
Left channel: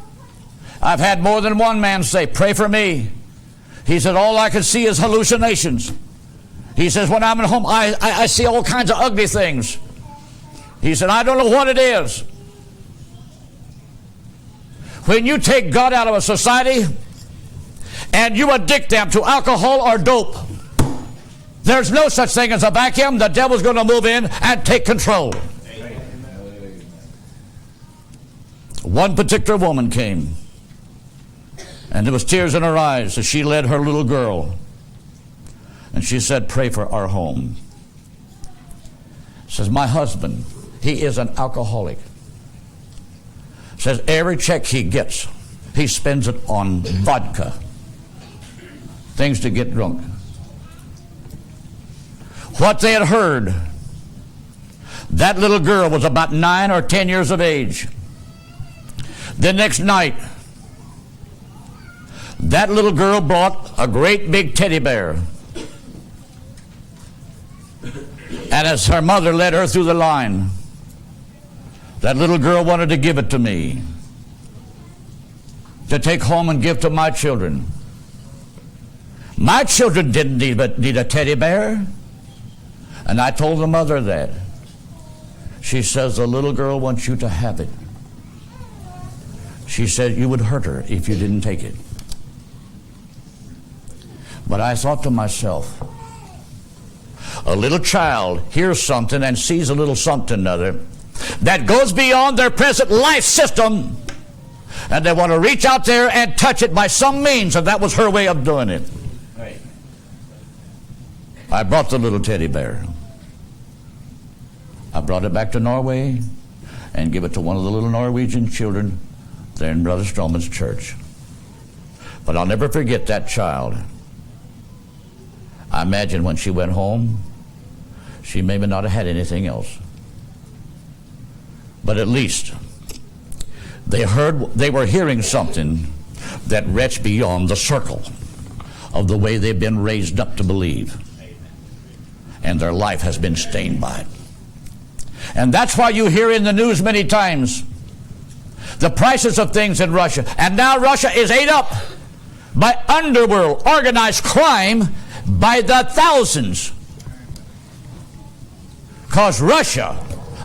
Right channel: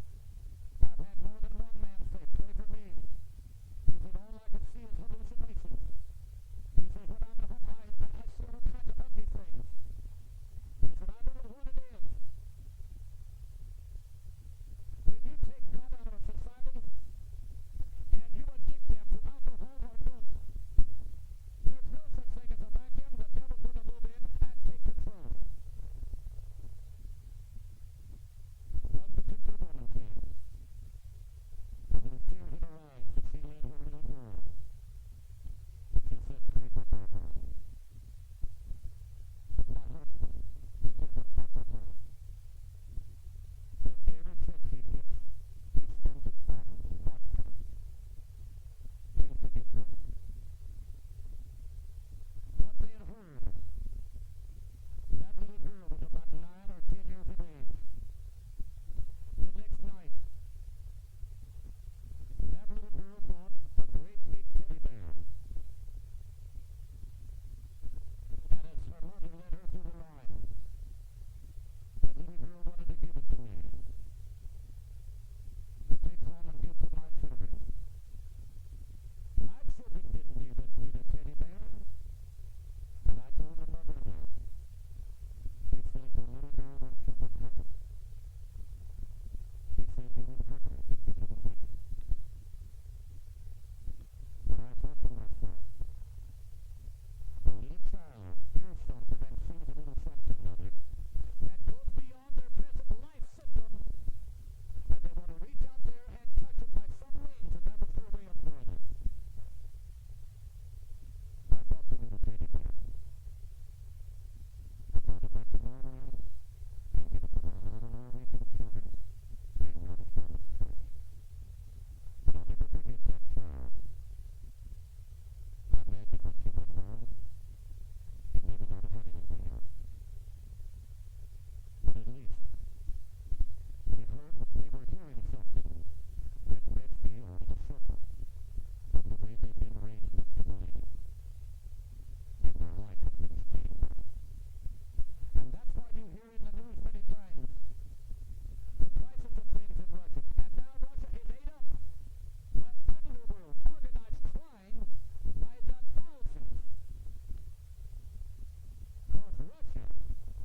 I've had more than one man say, "Pray for me." He said, "All I can see is hallucinations." He says, "When I'm at home, I see all kinds of ugly things." He said, "I don't know what it is." When you take God out of a society and you addict them to alcohol or dope, there's no such thing as a vacuum. The devil's going to move in and take control. One particular woman came, and there was tears in her eyes as she led her little girl. And she said, "Pray for our home." Says, "My husband, he is an alcoholic. Says every check he gets, he spends it on vodka, things to get drunk." What they had heard, that little girl was about 9 or 10 years of age. The next night, that little girl brought a great big teddy bear. And as her mother led her through the line, that little girl wanted to give it to me, to take home and give to my children. My children didn't need a teddy bear. And I told the mother that. She says, "The little girl wants you to have it." She said, "You would hurt her if you didn't take it." But I thought to myself, a little child hears something and sees a little something other that goes beyond their present life system, and they want to reach out there and touch it by some means, and that was her way of doing it. Right. I brought the little teddy bear. I brought it back to Norway and gave it to one of the little Norwegian children there in Brother Stroman's church. But I'll never forget that child. I imagine when she went home, she maybe not have had anything else. But at least they were hearing something that reached beyond the circle of the way they've been raised up to believe. And their life has been stained by it. And that's why you hear in the news many times the prices of things in Russia. And now Russia is ate up by underworld, organized crime by the thousands. Because Russia,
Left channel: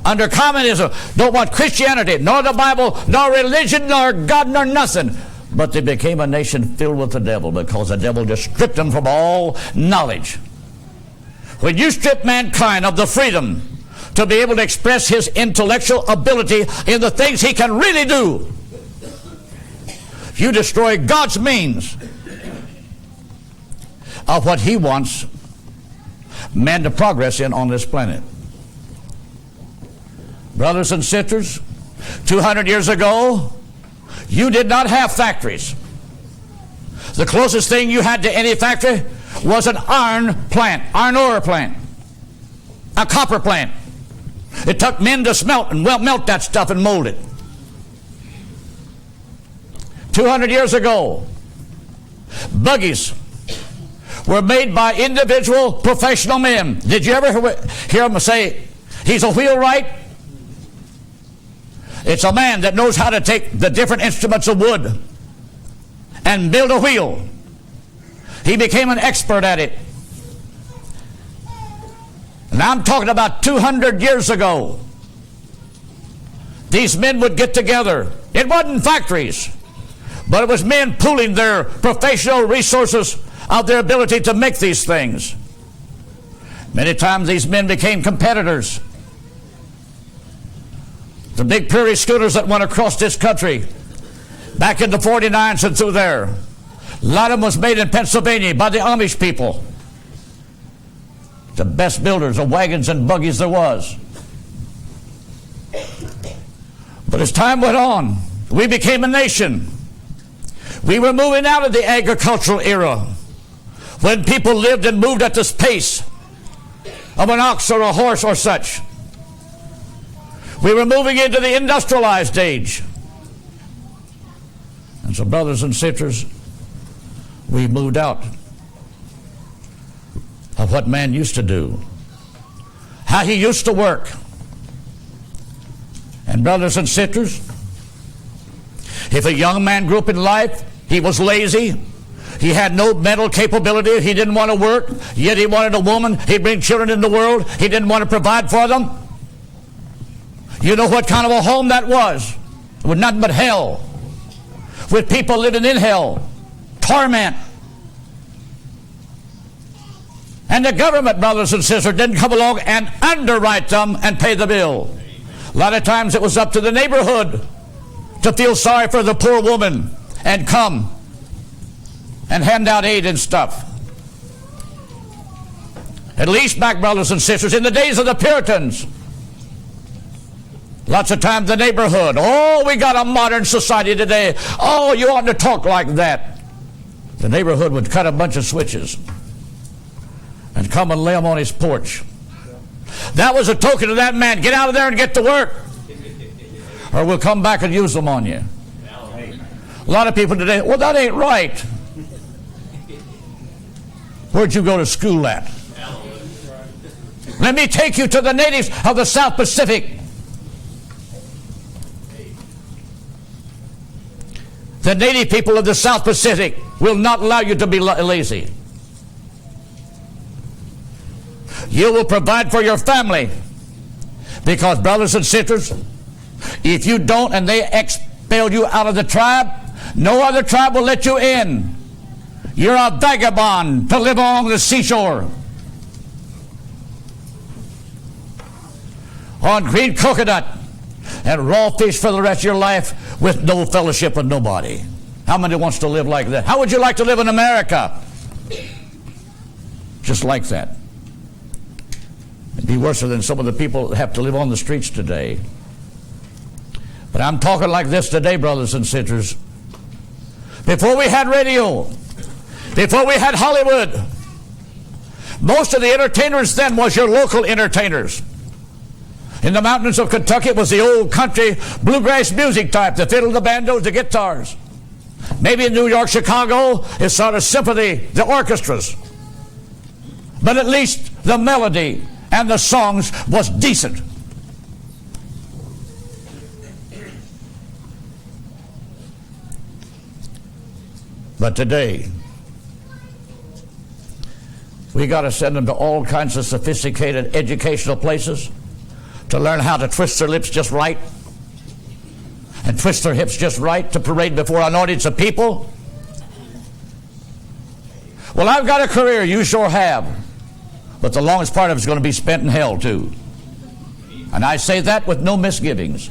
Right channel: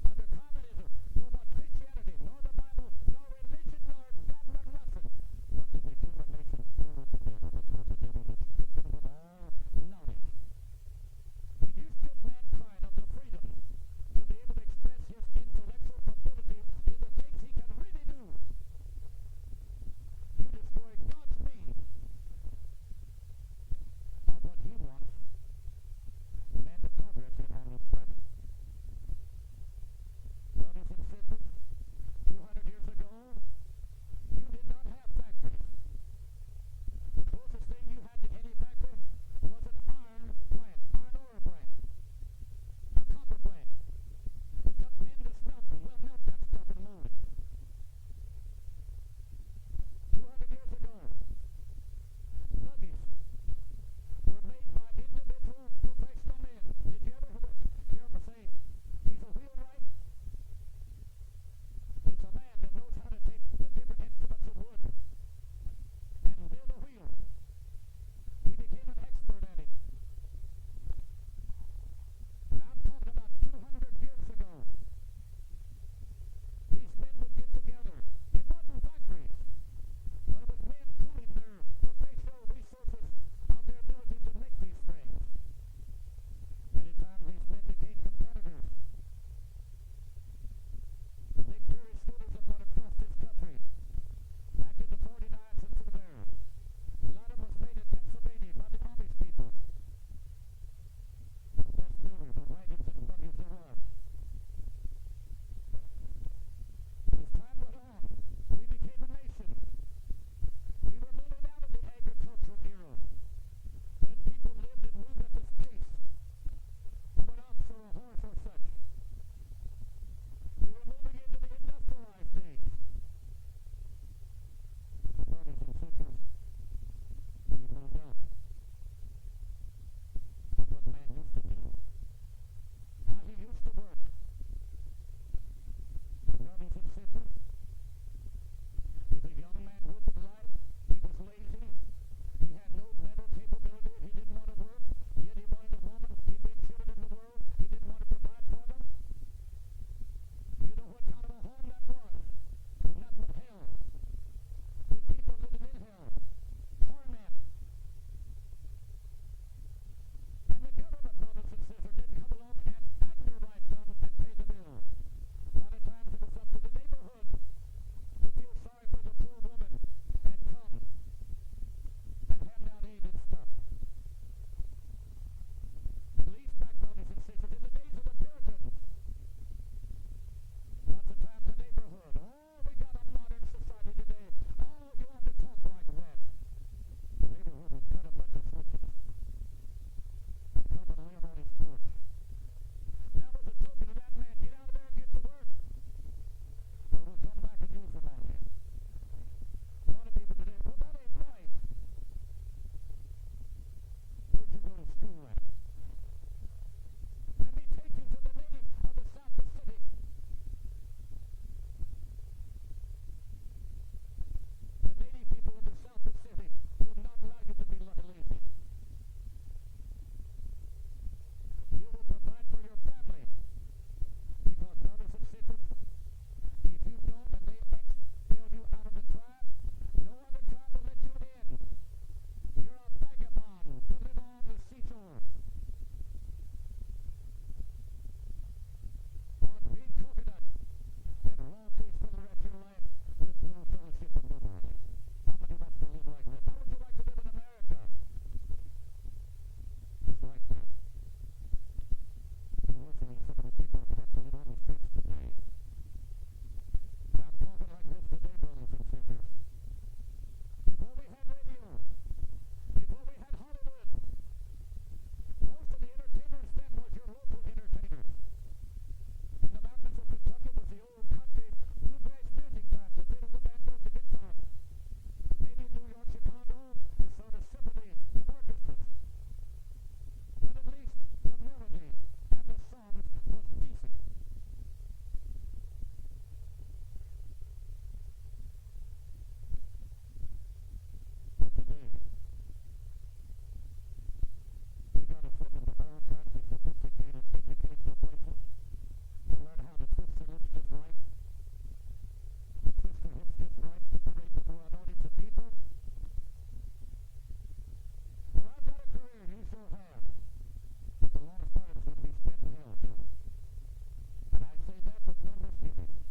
under communism, don't want Christianity, nor the Bible, nor religion, nor God, nor nothing. But they became a nation filled with the devil because the devil just stripped them from all knowledge. When you strip mankind of the freedom to be able to express his intellectual ability in the things he can really do, You destroy God's means of what He wants man to progress in on this planet. Brothers and sisters, 200 years ago, you did not have factories. The closest thing you had to any factory was an iron plant, iron ore plant, a copper plant. It took men to smelt and melt that stuff and mold it. 200 years ago, buggies were made by individual professional men. Did you ever hear them say, he's a wheelwright? It's a man that knows how to take the different instruments of wood and build a wheel. He became an expert at it. And I'm talking about 200 years ago. These men would get together. It wasn't factories, but it was men pooling their professional resources of their ability to make these things. Many times these men became competitors. The big prairie schooners that went across this country back in the 49s and through there, a lot of them was made in Pennsylvania by the Amish people. The best builders of wagons and buggies there was. But as time went on, we became a nation. We were moving out of the agricultural era when people lived and moved at the pace of an ox or a horse or such. We were moving into the industrialized age. And so, brothers and sisters, we moved out of what man used to do, how he used to work. And brothers and sisters, if a young man grew up in life, he was lazy, he had no mental capability, he didn't want to work, yet he wanted a woman, he'd bring children in the world, he didn't want to provide for them. You know what kind of a home that was? It was nothing but hell, with people living in hell, torment. And the government, brothers and sisters, didn't come along and underwrite them and pay the bill. A lot of times it was up to the neighborhood to feel sorry for the poor woman and come and hand out aid and stuff. At least back, brothers and sisters, in the days of the Puritans, lots of times the neighborhood, oh, we got a modern society today. Oh, you oughtn't to talk like that. The neighborhood would cut a bunch of switches and come and lay them on his porch. That was a token to that man. Get out of there and get to work, or we'll come back and use them on you. A lot of people today, well, that ain't right. Where'd you go to school at? Let me take you to the natives of the South Pacific. The native people of the South Pacific will not allow you to be lazy. You will provide for your family, because, brothers and sisters, if you don't and they expel you out of the tribe, no other tribe will let you in. You're a vagabond to live along the seashore on green coconut and raw fish for the rest of your life with no fellowship with nobody. How many wants to live like that? How would you like to live in America? Just like that. It'd be worse than some of the people that have to live on the streets today. But I'm talking like this today, brothers and sisters. Before we had radio, before we had Hollywood, most of the entertainers then was your local entertainers. In the mountains of Kentucky, it was the old country bluegrass music type, the fiddle, the banjos, the guitars. Maybe in New York, Chicago, it's sort of symphony, the orchestras. But at least the melody and the songs was decent. But today, we got to send them to all kinds of sophisticated educational places to learn how to twist their lips just right and twist their hips just right to parade before an audience of people. Well, I've got a career, you sure have, but the longest part of it's going to be spent in hell too. And I say that with no misgivings.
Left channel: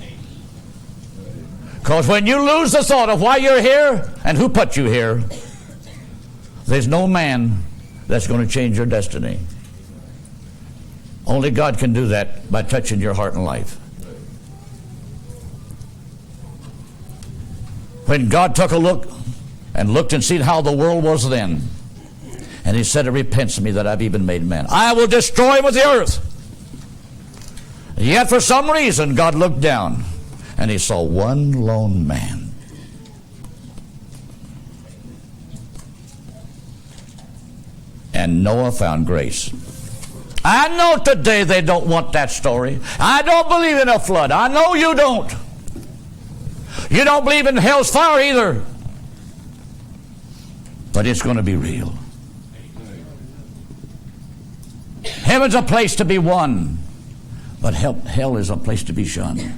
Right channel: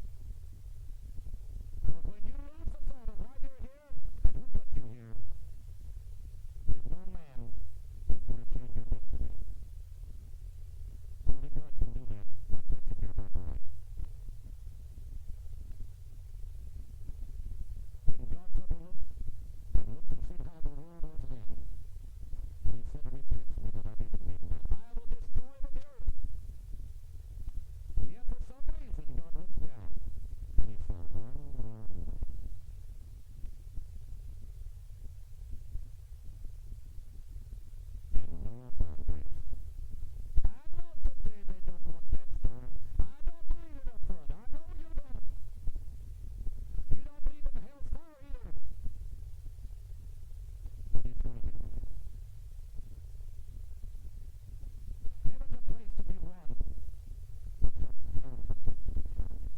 Because when you lose the thought of why you're here and who put you here, there's no man that's going to change your destiny. Only God can do that by touching your heart and life. When God took a look and looked and seen how the world was then, and he said, it repents me that I've even made man. I will destroy him with the earth. Yet for some reason, God looked down and he saw one lone man. And Noah found grace. I know today they don't want that story. I don't believe in a flood. I know you don't. You don't believe in hell's fire either. But it's going to be real. Heaven's a place to be won, but hell is a place to be shunned.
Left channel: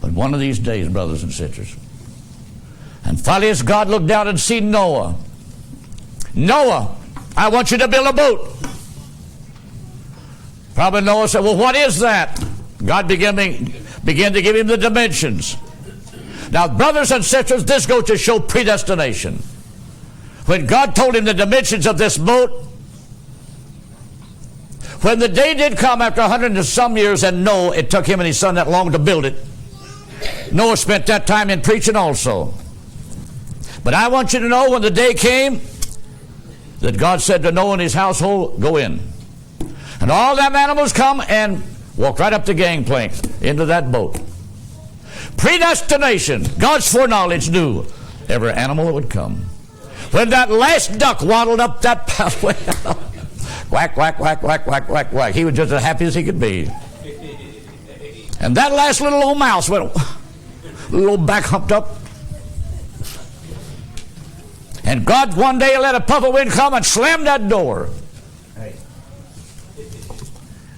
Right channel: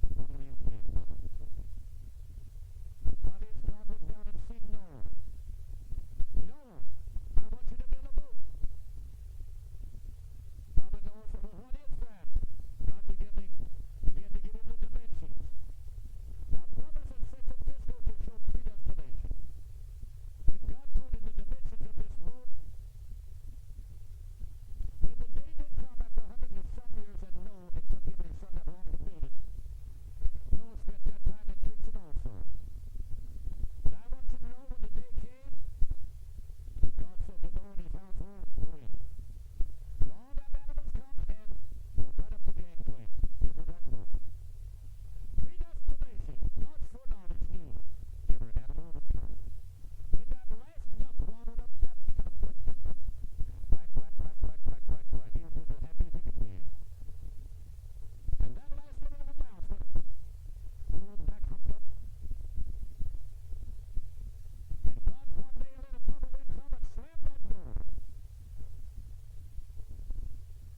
But one of these days, brothers and sisters, and finally as God looked down and seen Noah, Noah, I want you to build a boat. Probably Noah said, well, what is that? God began to give him the dimensions. Now, brothers and sisters, this goes to show predestination. When God told him the dimensions of this boat, when the day did come after 100 and some years, and no, it took him and his son that long to build it. Noah spent that time in preaching also. But I want you to know when the day came that God said to Noah and his household, go in. And all them animals come and walk right up the gangplank into that boat. Predestination. God's foreknowledge knew every animal that would come. When that last duck waddled up that pathway, whack, whack, whack, whack, whack, whack, whack. He was just as happy as he could be. And that last little old mouse went, little old back humped up. And God one day let a puff of wind come and slam that door.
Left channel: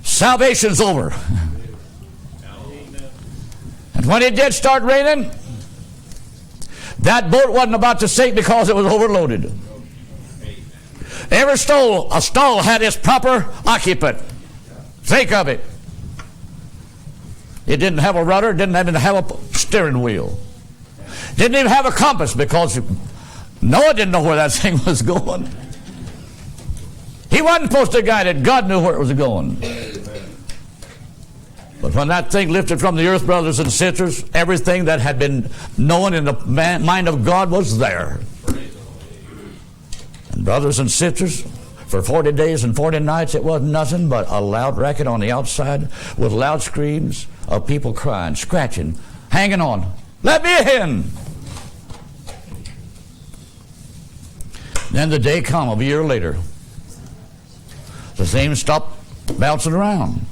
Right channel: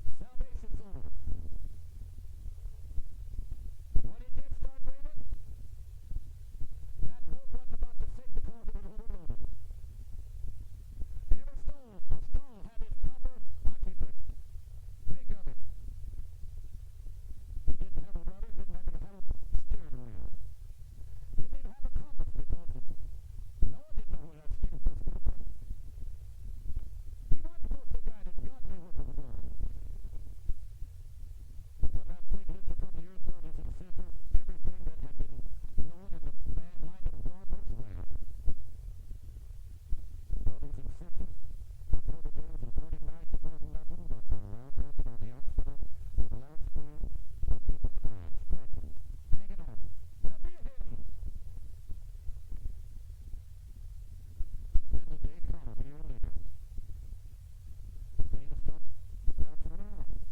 Salvation's over. And when it did start raining, that boat wasn't about to sink because it was overloaded. Every stall had its proper occupant. Think of it. It didn't have a rudder, didn't even have a steering wheel. Didn't even have a compass because Noah didn't know where that thing was going. He wasn't supposed to guide it. God knew where it was going. But when that thing lifted from the earth, brothers and sisters, everything that had been known in the mind of God was there. And brothers and sisters, for 40 days and 40 nights, it was nothing but a loud racket on the outside with loud screams of people crying, scratching, hanging on. Let me in. Then the day come a year later. The thing stopped bouncing around.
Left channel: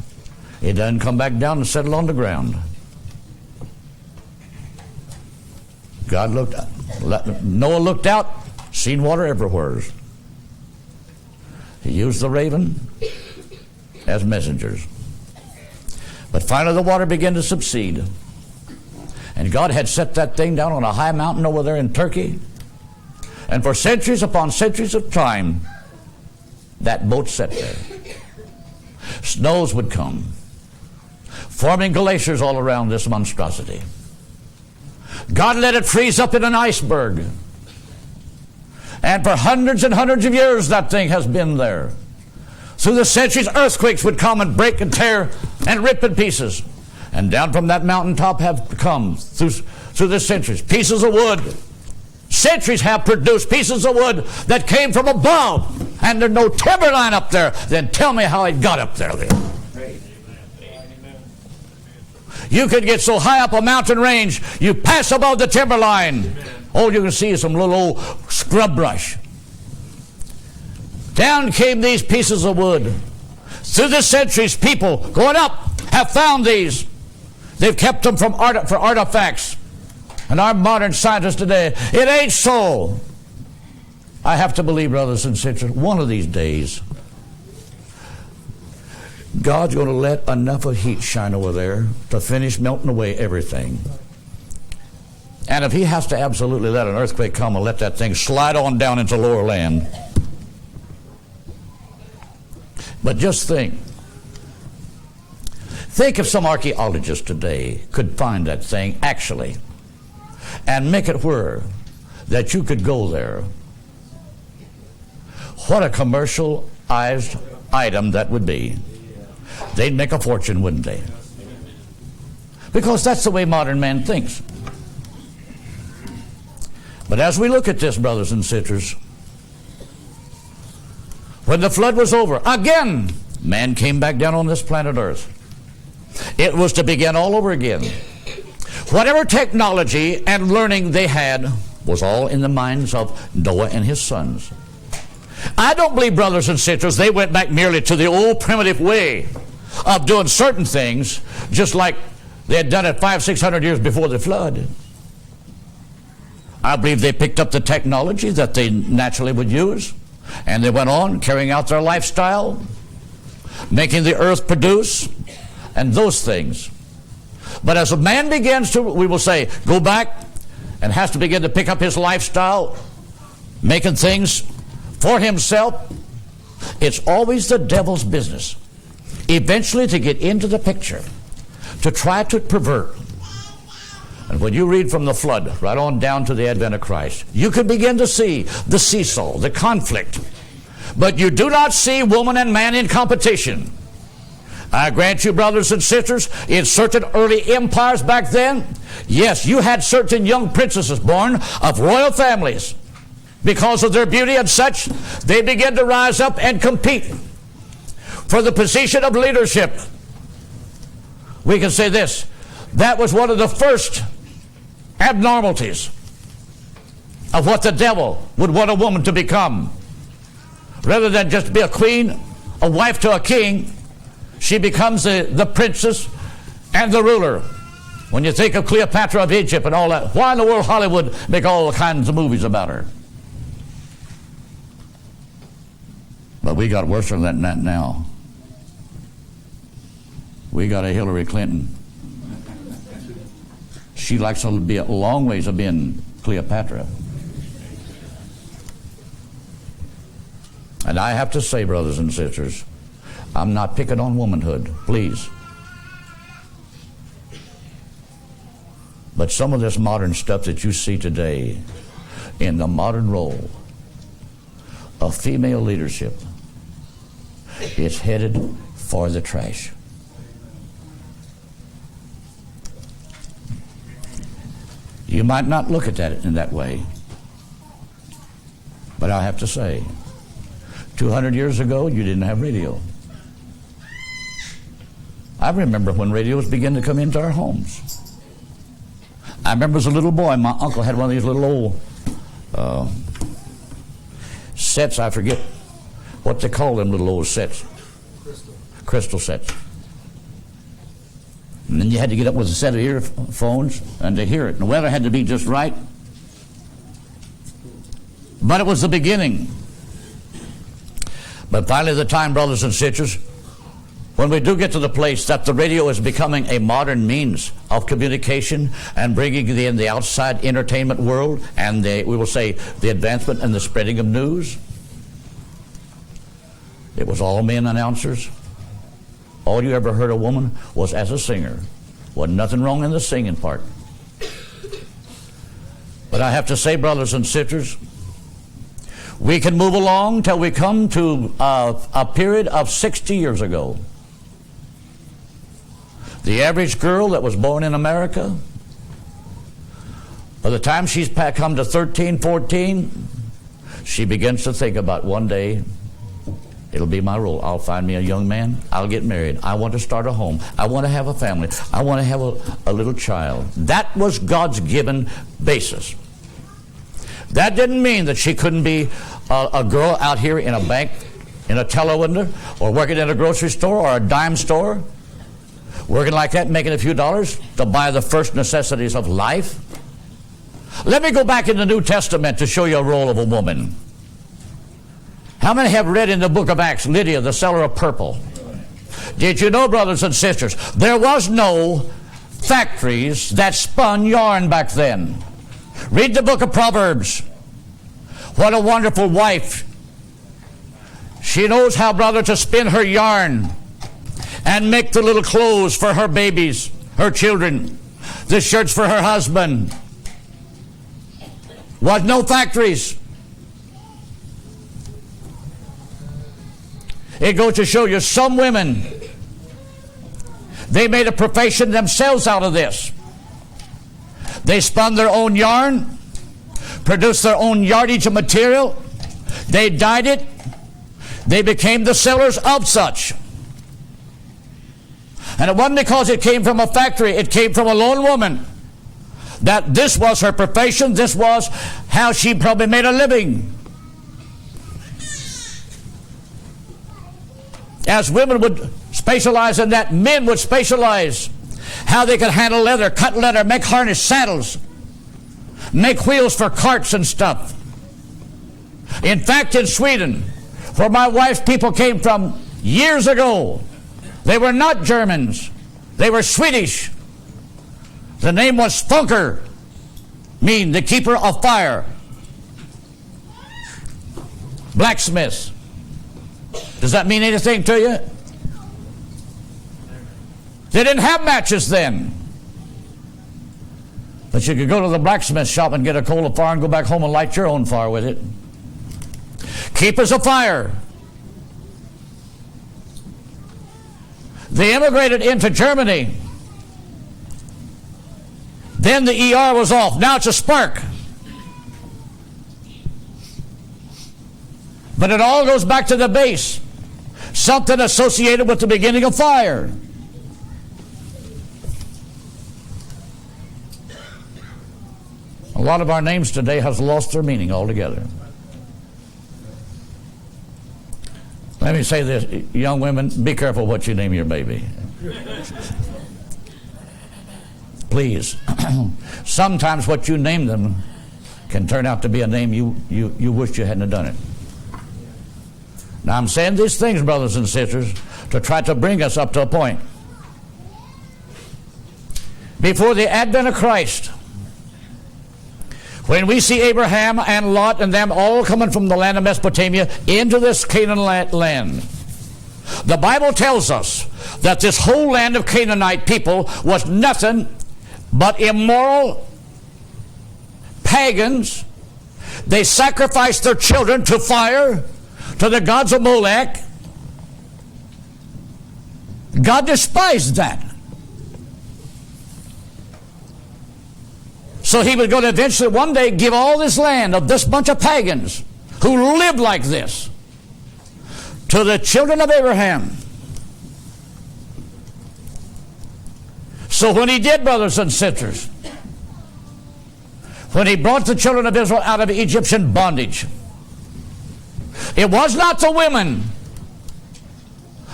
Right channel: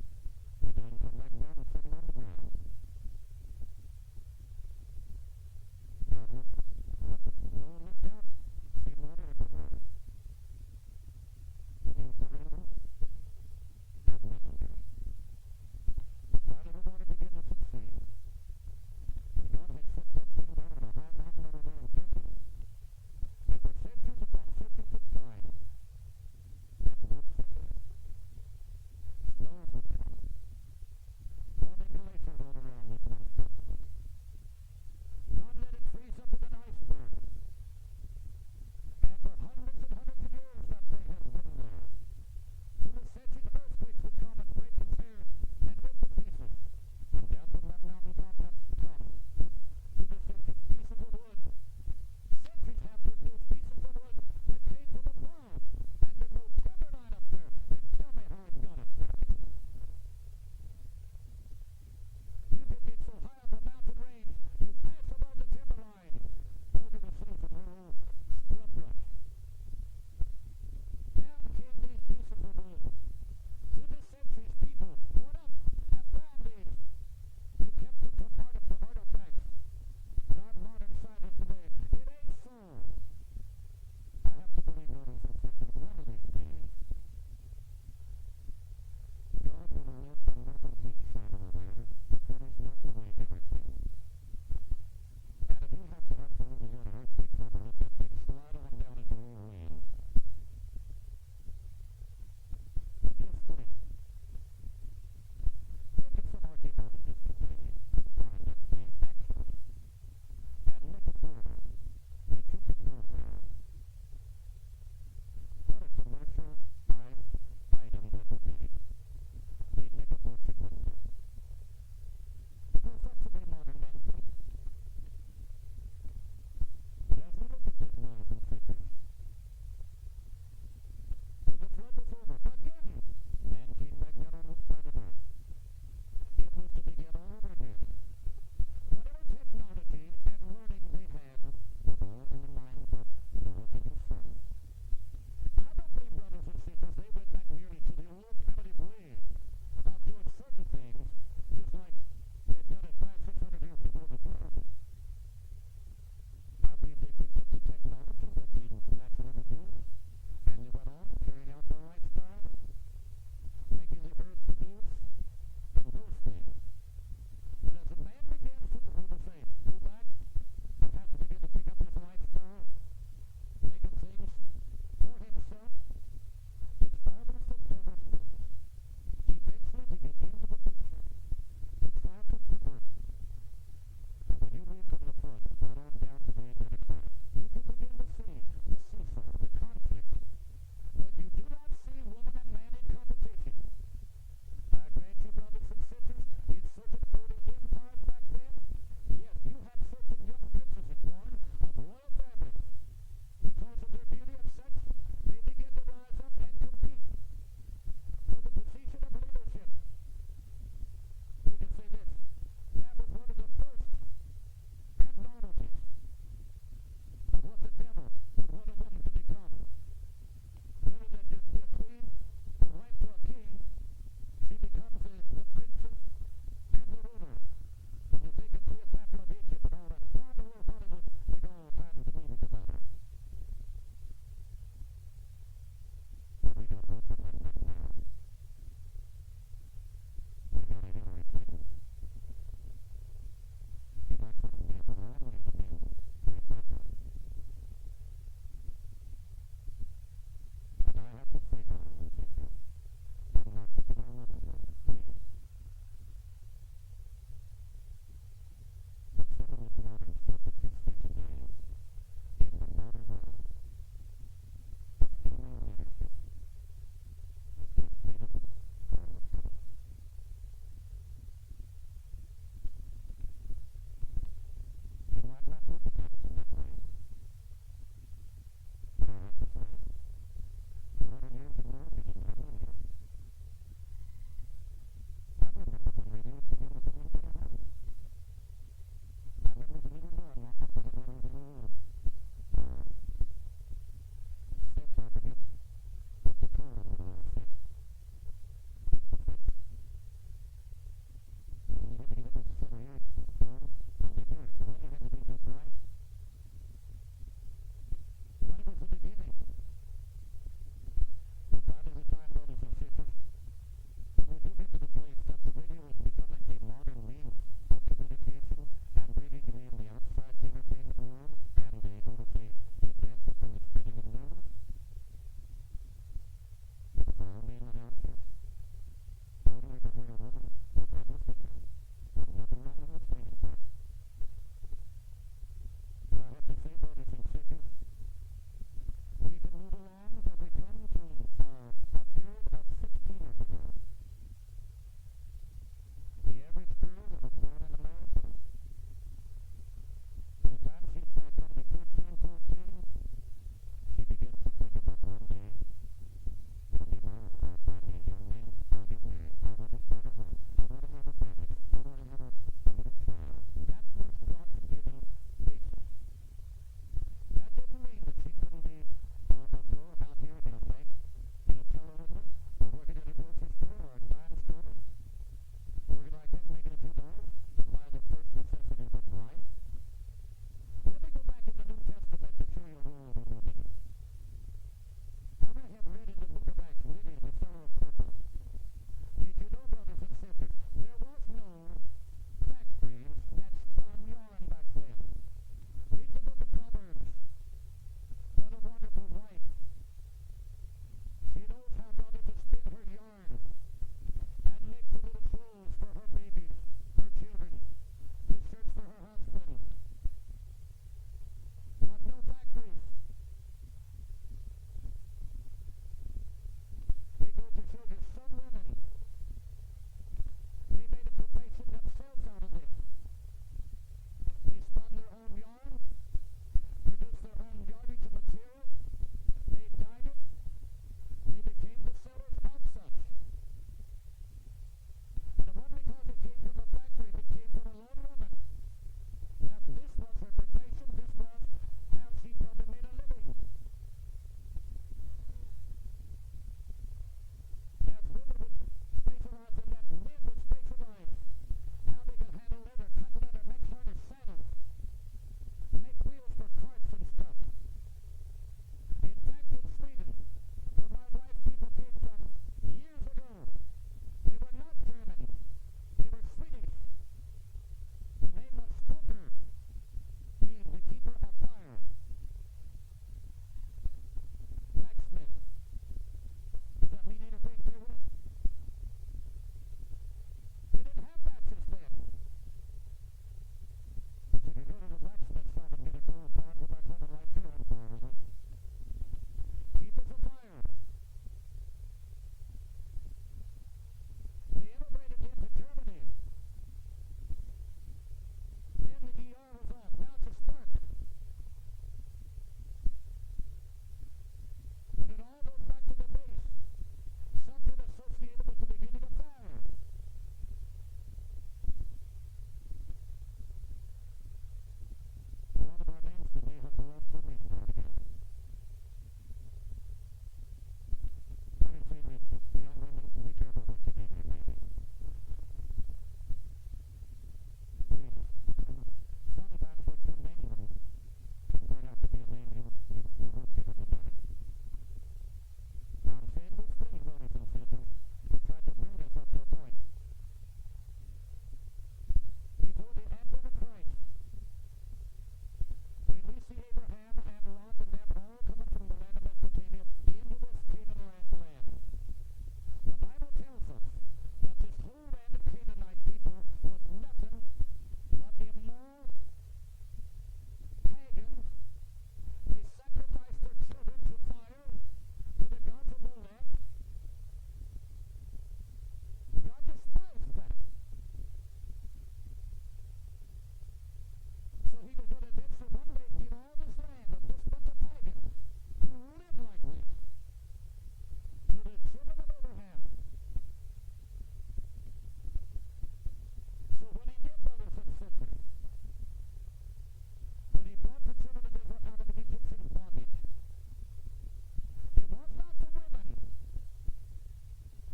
It doesn't come back down and settle on the ground. Noah looked out, seen water everywhere. He used the raven as messengers. But finally the water began to subside. And God had set that thing down on a high mountain over there in Turkey. And for centuries upon centuries of time, that boat sat there. Snows would come, forming glaciers all around this monstrosity. God let it freeze up in an iceberg. And for hundreds and hundreds of years, that thing has been there. Through the centuries, earthquakes would come and break and tear and rip in pieces. And down from that mountaintop have come, through the centuries, pieces of wood. Centuries have produced pieces of wood that came from above. And there's no timberline up there. Then tell me how it got up there then. You could get so high up a mountain range, you pass above the timberline. All you can see is some little old scrub brush. Down came these pieces of wood. Through the centuries, people going up have found these. They've kept them for artifacts. And our modern scientists today, it ain't so. I have to believe, brothers and sisters, one of these days, God's going to let enough of heat shine over there to finish melting away everything. And if he has to absolutely let an earthquake come and let that thing slide on down into lower land. Think if some archaeologist today could find that thing actually and make it where that you could go there. What a commercialized item that would be. They'd make a fortune, wouldn't they? Because that's the way modern man thinks. But as we look at this, brothers and sisters, when the flood was over, again, man came back down on this planet Earth. It was to begin all over again. Whatever technology and learning they had was all in the minds of Noah and his sons. I don't believe, brothers and sisters, they went back merely to the old primitive way of doing certain things, just like they had done it 500-600 years before the flood. I believe they picked up the technology that they naturally would use, and they went on carrying out their lifestyle, making the earth produce, and those things. But as a man begins to, we will say, go back and has to begin to pick up his lifestyle, making things for himself, it's always the devil's business eventually to get into the picture, to try to pervert. And when you read from the flood right on down to the advent of Christ, you can begin to see the seesaw, the conflict. But you do not see woman and man in competition. I grant you, brothers and sisters, in certain early empires back then, yes, you had certain young princesses born of royal families. Because of their beauty and such, they began to rise up and compete for the position of leadership. We can say this, that was one of the first abnormalities of what the devil would want a woman to become. Rather than just be a queen, a wife to a king, she becomes the princess and the ruler. When you think of Cleopatra of Egypt and all that, why in the world Hollywood make all kinds of movies about her? But we got worse than that now. We got a Hillary Clinton. She likes to be a long ways of being Cleopatra. And I have to say, brothers and sisters, I'm not picking on womanhood, please. But some of this modern stuff that you see today in the modern role of female leadership is headed for the trash. You might not look at that in that way, but I have to say, 200 years ago, you didn't have radio. I remember when radios began to come into our homes. I remember as a little boy, my uncle had one of these little old sets. I forget what they call them little old sets. Crystal sets. And then you had to get up with a set of earphones and to hear it. And the weather had to be just right. But it was the beginning. But finally the time, brothers and sisters, when we do get to the place that the radio is becoming a modern means of communication and bringing in the outside entertainment world and we will say the advancement and the spreading of news, it was all men announcers. All you ever heard a woman was as a singer. Wasn't nothing wrong in the singing part. But I have to say, brothers and sisters, we can move along till we come to a period of 60 years ago. The average girl that was born in America, by the time she's come to 13, 14, she begins to think about one day, it'll be my role. I'll find me a young man. I'll get married. I want to start a home. I want to have a family. I want to have a little child. That was God's given basis. That didn't mean that she couldn't be a girl out here in a bank, in a teller window, or working in a grocery store or a dime store, working like that, making a few dollars to buy the first necessities of life. Let me go back in the New Testament to show you a role of a woman. How many have read in the book of Acts, Lydia, the seller of purple? Did you know, brothers and sisters, there was no factories that spun yarn back then. Read the book of Proverbs. What a wonderful wife. She knows how, brother, to spin her yarn. and make the little clothes for her babies, her children, the shirts for her husband. Was no factories. It goes to show you some women, they made a profession themselves out of this. They spun their own yarn, produced their own yardage of material, they dyed it, they became the sellers of such. And it wasn't because it came from a factory, it came from a lone woman. That this was her profession, this was how she probably made a living. As women would specialize in that, men would specialize how they could handle leather, cut leather, make harness, saddles, make wheels for carts and stuff. In fact, in Sweden, where my wife's people came from years ago, they were not Germans, they were Swedish. The name was Funker, mean the keeper of fire. Blacksmiths. Does that mean anything to you? They didn't have matches then. But you could go to the blacksmith shop and get a coal of fire and go back home and light your own fire with it. Keepers of fire. They immigrated into Germany. Then the ER was off. Now it's a spark. But it all goes back to the base. Something associated with the beginning of fire. A lot of our names today has lost their meaning altogether. Let me say this, young women, be careful what you name your baby. Please. Sometimes what you name them can turn out to be a name you wish you hadn't done it. Now I'm saying these things, brothers and sisters, to try to bring us up to a point. Before the advent of Christ, when we see Abraham and Lot and them all coming from the land of Mesopotamia into this Canaan land, the Bible tells us that this whole land of Canaanite people was nothing but immoral pagans. They sacrificed their children to fire, to the gods of Molech. God despised that. So he was going to eventually one day give all this land of this bunch of pagans who lived like this to the children of Abraham. So when he did, brothers and sisters, when he brought the children of Israel out of Egyptian bondage, it was not the women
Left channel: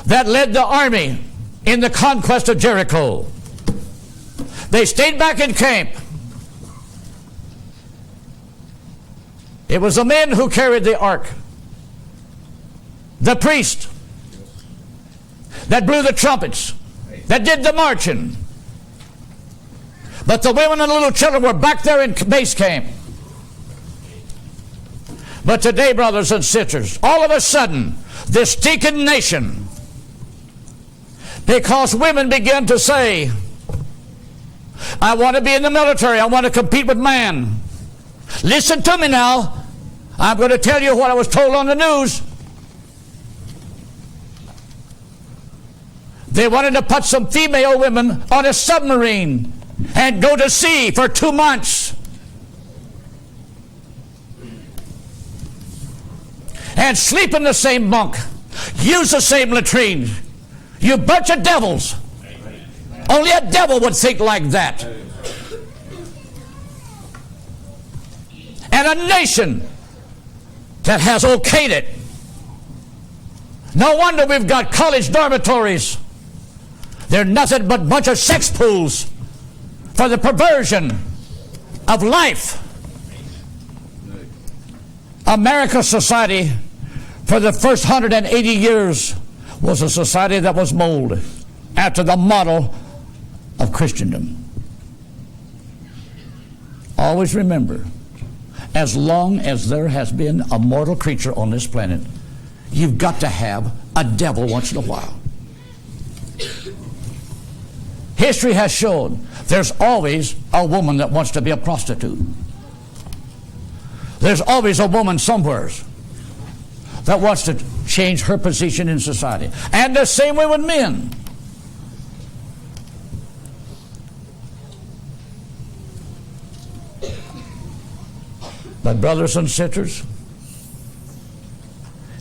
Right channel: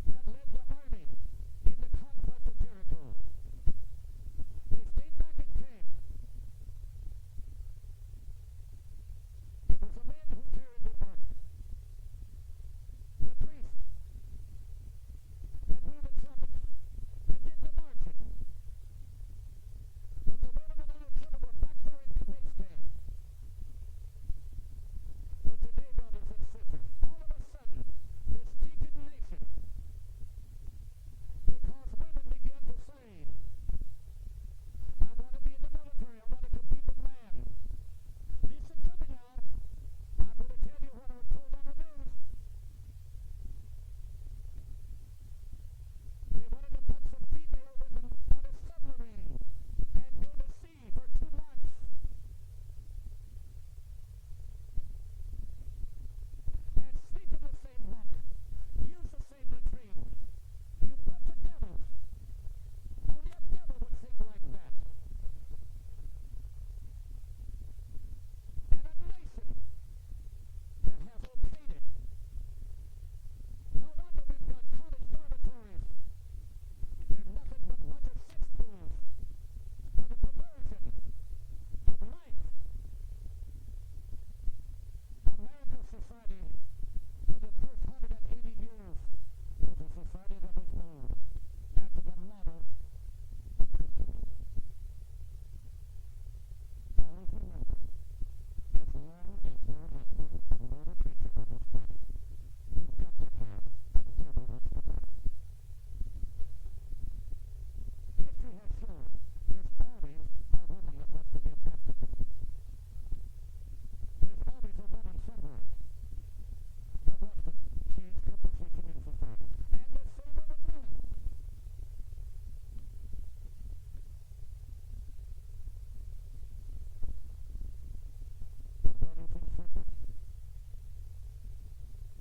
that led the army in the conquest of Jericho. They stayed back in camp. It was the men who carried the ark, the priest that blew the trumpets, that did the marching. But the women and little children were back there in base camp. But today, brothers and sisters, all of a sudden, this stinking nation, because women began to say, I want to be in the military, I want to compete with man. Listen to me now. I'm going to tell you what I was told on the news. They wanted to put some female women on a submarine and go to sea for 2 months. And sleep in the same bunk. Use the same latrine. You bunch of devils. Only a devil would think like that. And a nation that has okayed it. No wonder we've got college dormitories. They're nothing but a bunch of sex pools for the perversion of life. America's society for the first 180 years was a society that was molded after the model of Christendom. Always remember, as long as there has been a mortal creature on this planet, you've got to have a devil once in a while. History has shown there's always a woman that wants to be a prostitute. There's always a woman somewhere that wants to change her position in society. And the same way with men. But brothers and sisters,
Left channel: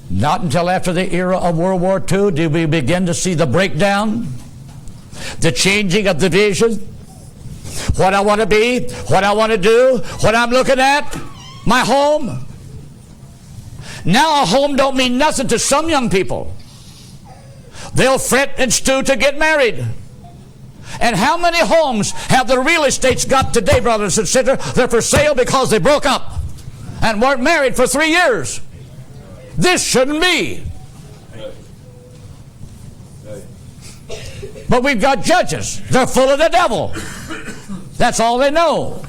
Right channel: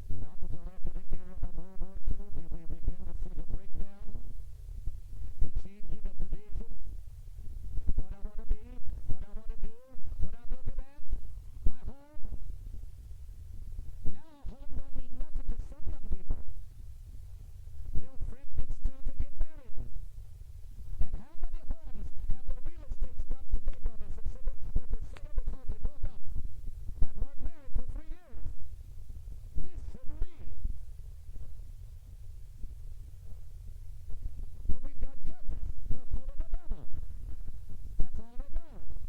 not until after the era of World War II did we begin to see the breakdown, the changing of the vision, what I want to be, what I want to do, what I'm looking at, my home. Now a home don't mean nothing to some young people. They'll fret and stew to get married. And how many homes have the real estates got today, brothers and sisters? They're for sale because they broke up and weren't married for 3 years. This shouldn't be. But we've got judges. They're full of the devil. That's all they know.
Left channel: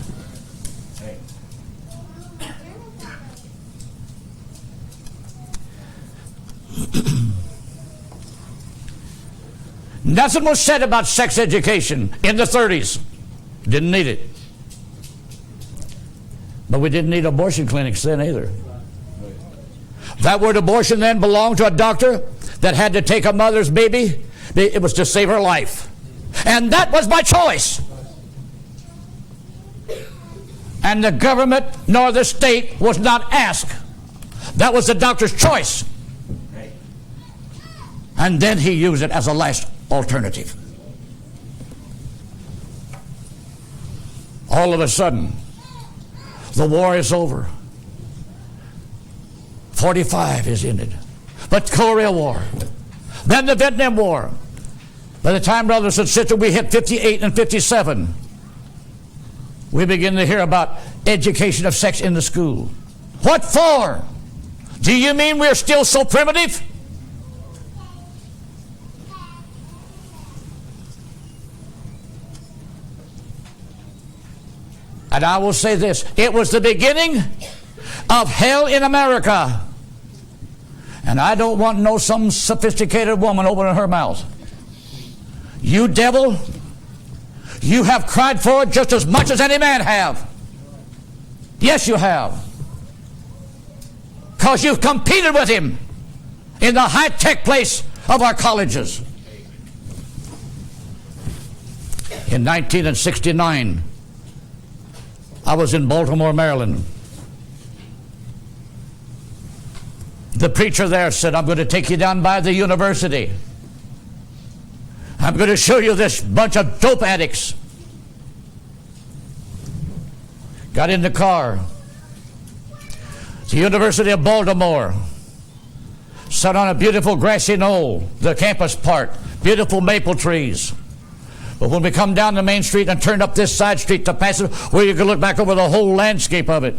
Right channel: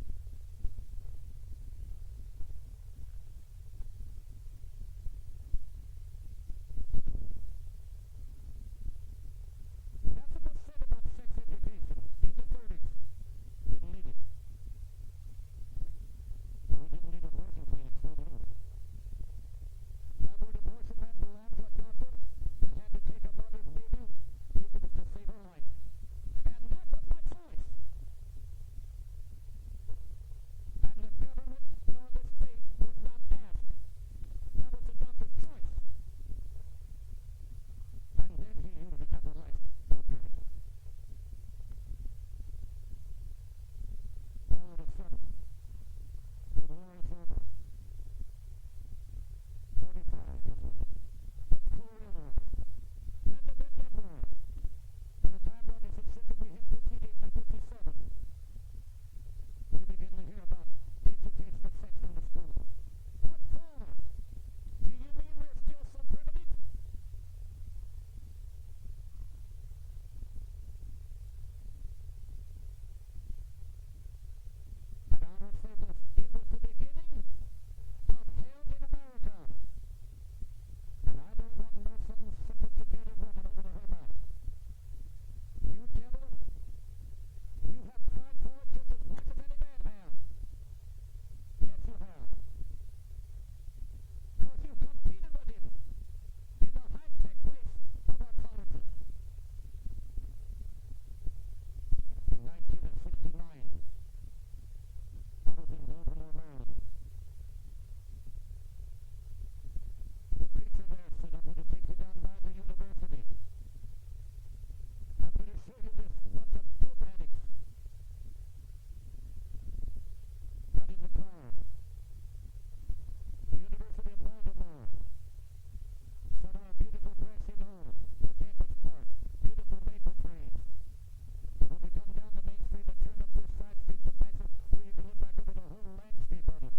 Nothing was said about sex education in the 30s. Didn't need it. But we didn't need abortion clinics then either. That word abortion then belonged to a doctor that had to take a mother's baby. It was to save her life. And that was my choice. And the government nor the state was not asked. That was the doctor's choice. And then he used it as a last alternative. All of a sudden, the war is over. 45 is ended. But Korea War. Then the Vietnam War. By the time, brothers and sisters, we hit 58 and 57, we begin to hear about education of sex in the school. What for? Do you mean we're still so primitive? And I will say this, it was the beginning of hell in America. And I don't want no some sophisticated woman opening her mouth. You devil, you have cried for it just as much as any man have. Yes, you have. Because you've competed with him in the high-tech place of our colleges. In 1969, I was in Baltimore, Maryland. The preacher there said, I'm going to take you down by the university. I'm going to show you this bunch of dope addicts. Got in the car. The University of Baltimore. Sat on a beautiful grassy knoll, the campus part, beautiful maple trees. But when we come down the main street and turned up this side street to pass it, where you could look back over the whole landscape of it,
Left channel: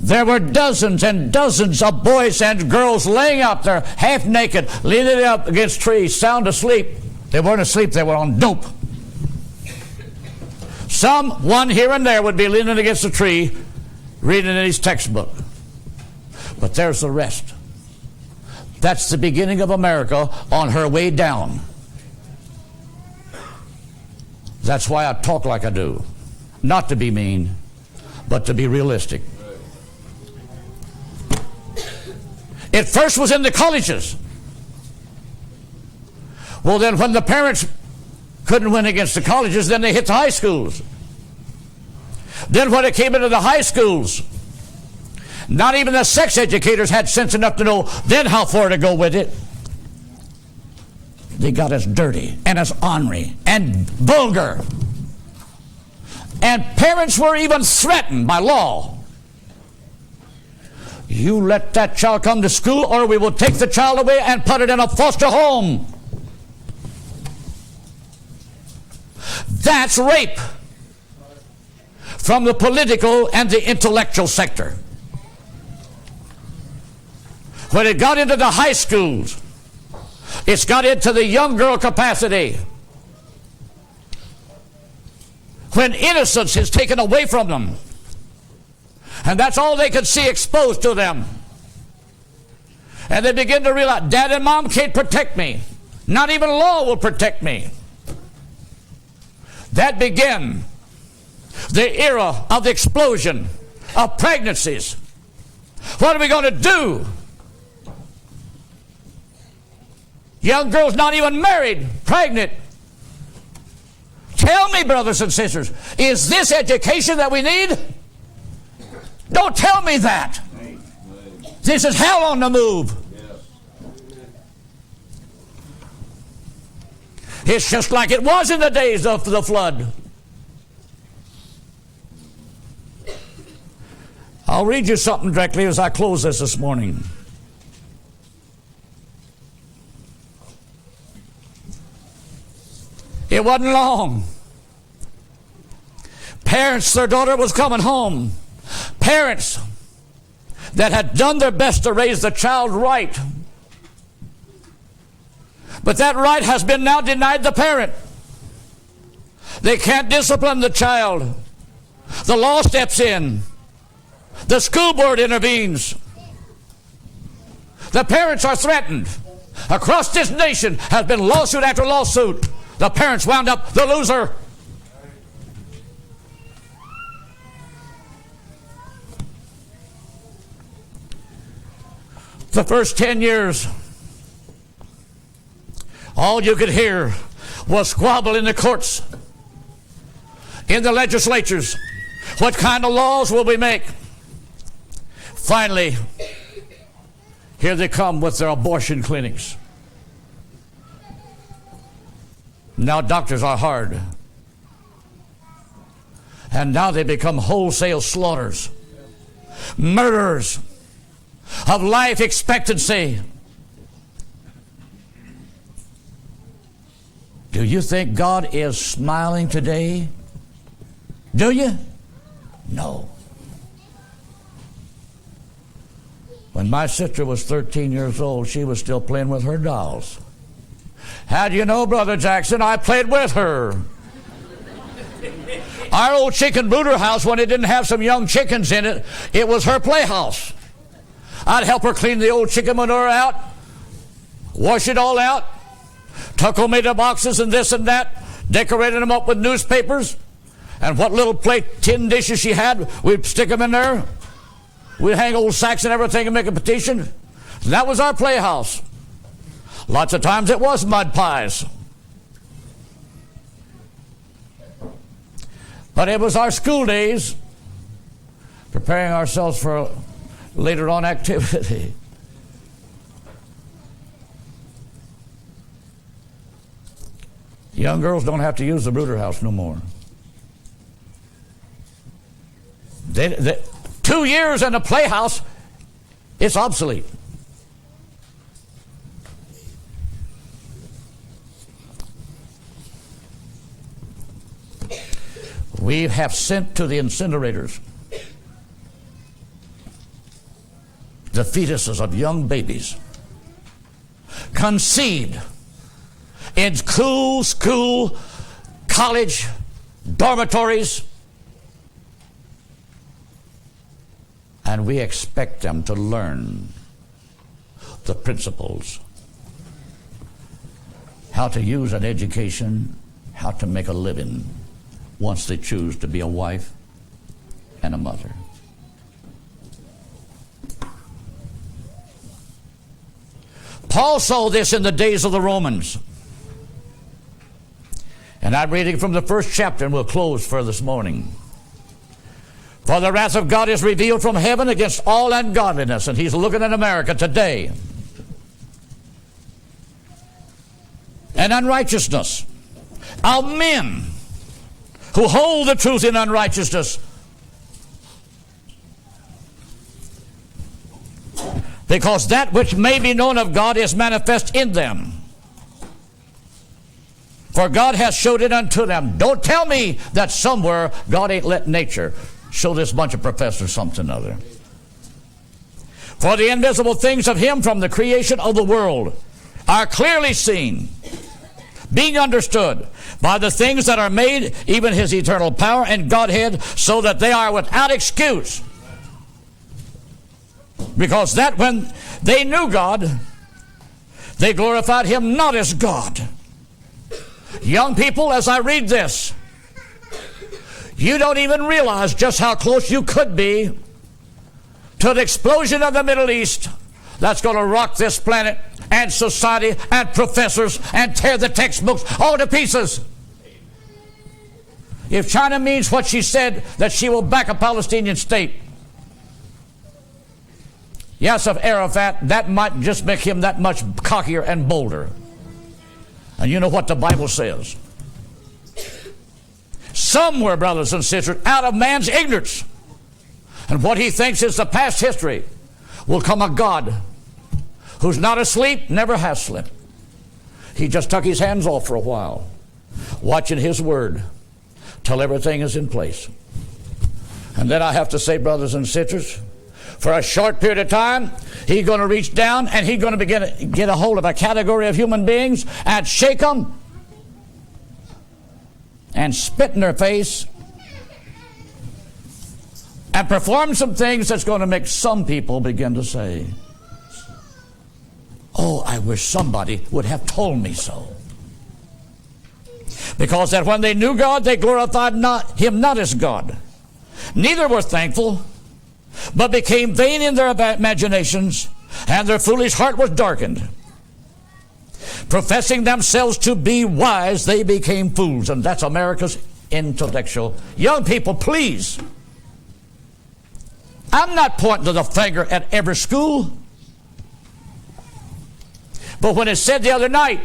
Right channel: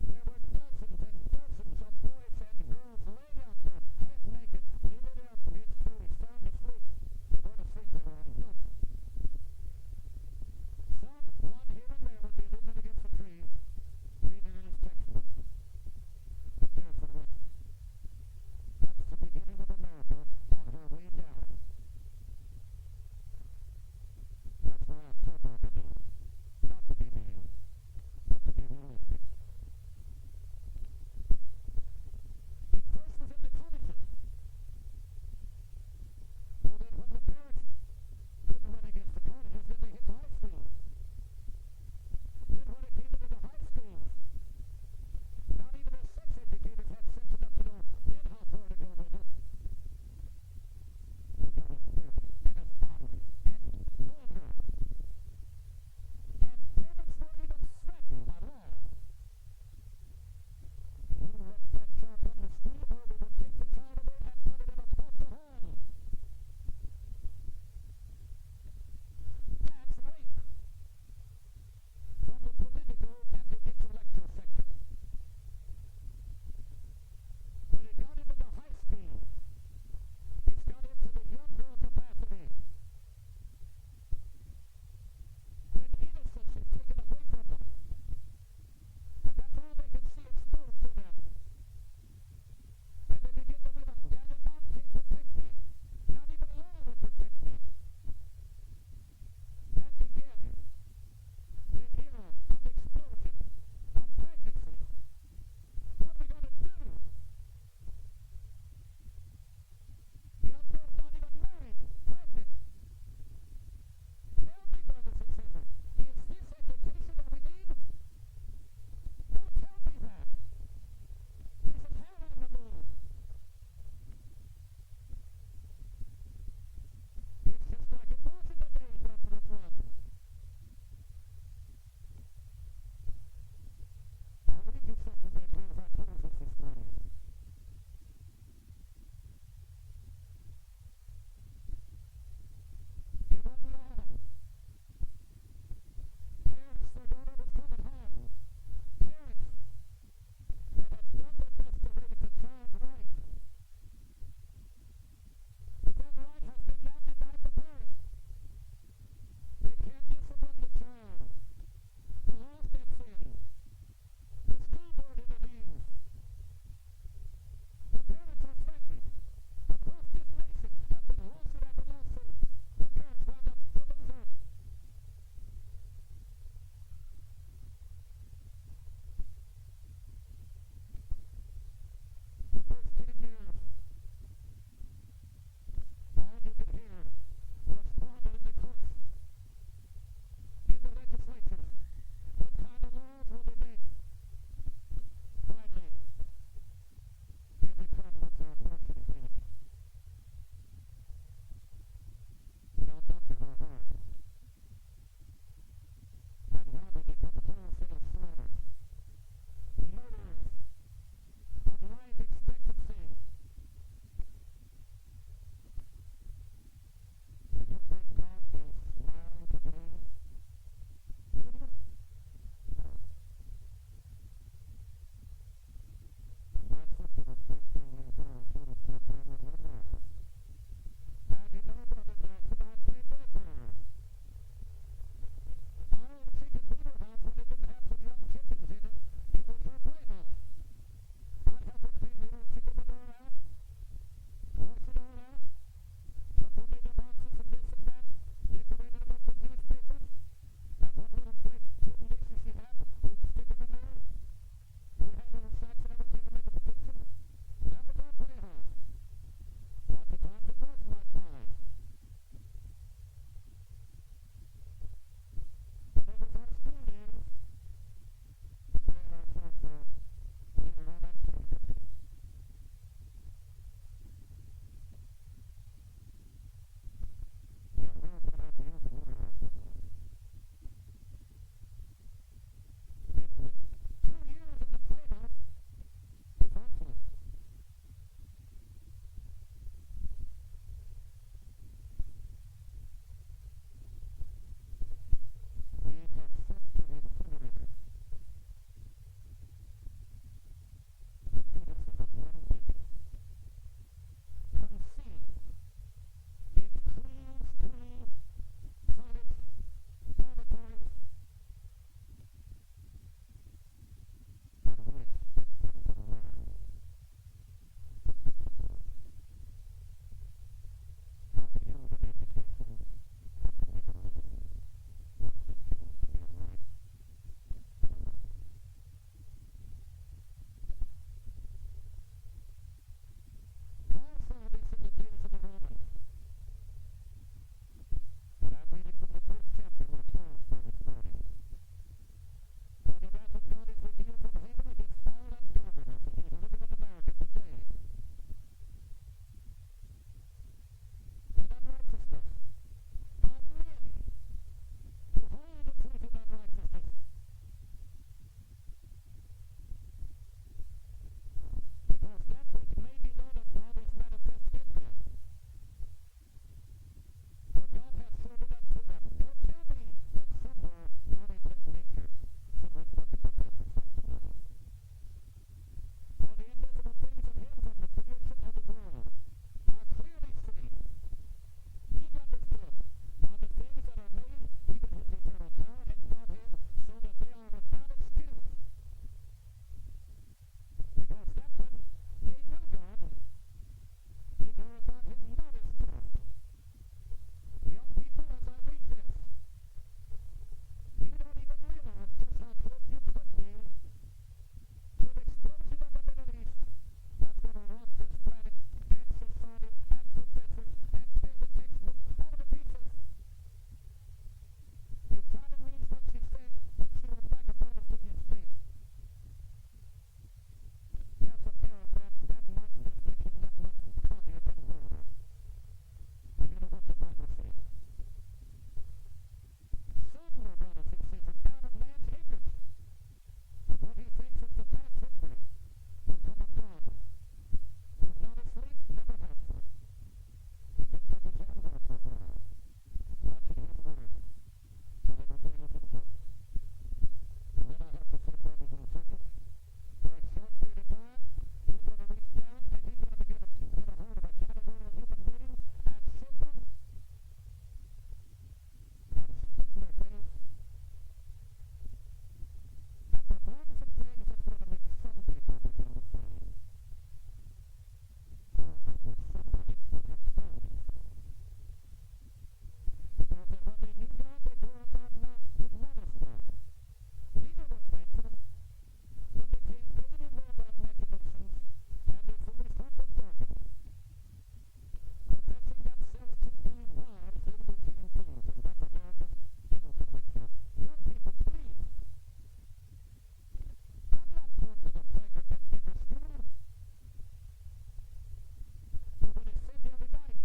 there were dozens and dozens of boys and girls laying out there, half naked, leaning up against trees, sound asleep. They weren't asleep, they were on dope. One here and there would be leaning against a tree, reading in his textbook. But there's the rest. That's the beginning of America on her way down. That's why I talk like I do. Not to be mean, but to be realistic. It first was in the colleges. Well, then when the parents couldn't win against the colleges, then they hit the high schools. Then when it came into the high schools, not even the sex educators had sense enough to know then how far to go with it. They got as dirty and as ornery and vulgar. And parents were even threatened by law. You let that child come to school or we will take the child away and put it in a foster home. That's rape from the political and the intellectual sector. When it got into the high schools, it's got into the young girl capacity. When innocence is taken away from them, and that's all they could see exposed to them. And they begin to realize, Dad and Mom can't protect me. Not even law will protect me. that began the era of the explosion of pregnancies. What are we going to do? Young girls not even married, pregnant. Tell me, brothers and sisters, is this education that we need? Don't tell me that. This is hell on the move. It's just like it was in the days of the flood. I'll read you something directly as I close this morning. It wasn't long. Parents, their daughter was coming home. Parents that had done their best to raise the child right. But that right has been now denied the parent. They can't discipline the child. The law steps in. The school board intervenes. The parents are threatened. Across this nation has been lawsuit after lawsuit. The parents wound up the loser. The first 10 years, all you could hear was squabble in the courts, in the legislatures. What kind of laws will we make? Finally, here they come with their abortion clinics. Now doctors are hard. And now they become wholesale slaughters, murderers of life expectancy. Do you think God is smiling today? Do you? No. When my sister was 13 years old, she was still playing with her dolls. How do you know, Brother Jackson? I played with her. Our old chicken brooder house, when it didn't have some young chickens in it, it was her playhouse. I'd help her clean the old chicken manure out, wash it all out, tuck them into boxes and this and that, decorated them up with newspapers, and what little plate tin dishes she had, we'd stick them in there. We'd hang old sacks and everything and make a petition. And that was our playhouse. Lots of times it was mud pies. But it was our school days, preparing ourselves for later on activity. Young girls don't have to use the brooder house no more. 2 years in a playhouse, it's obsolete. We have sent to the incinerators the fetuses of young babies, conceived in school, college, dormitories, and we expect them to learn the principles, how to use an education, how to make a living once they choose to be a wife and a mother. Paul saw this in the days of the Romans. And I'm reading from the first chapter, and we'll close for this morning. For the wrath of God is revealed from heaven against all ungodliness. And he's looking at America today. And unrighteousness of men who hold the truth in unrighteousness. Because that which may be known of God is manifest in them. For God hath showed it unto them. Don't tell me that somewhere God ain't let nature show this bunch of professors something or other. For the invisible things of him from the creation of the world are clearly seen, being understood by the things that are made, even his eternal power and Godhead, so that they are without excuse. Because that when they knew God, they glorified him not as God. Young people, as I read this, You don't even realize just how close you could be to the explosion of the Middle East that's going to rock this planet and society and professors and tear the textbooks all to pieces. If China means what she said, that she will back a Palestinian state, Yasser Arafat, that might just make him that much cockier and bolder. And you know what the Bible says. Somewhere, brothers and sisters, out of man's ignorance and what he thinks is the past history, will come a God who's not asleep, never has slept. He just took his hands off for a while, watching his word till everything is in place. And then I have to say, brothers and sisters, for a short period of time, he's going to reach down and he's going to begin to get a hold of a category of human beings and shake them and spit in their face and perform some things that's going to make some people begin to say, oh, I wish somebody would have told me so. Because that when they knew God, they glorified him not as God. Neither were thankful, but became vain in their imaginations, and their foolish heart was darkened. Professing themselves to be wise, they became fools. And that's America's intellectual. Young people, please. I'm not pointing to the finger at every school. But when it said the other night,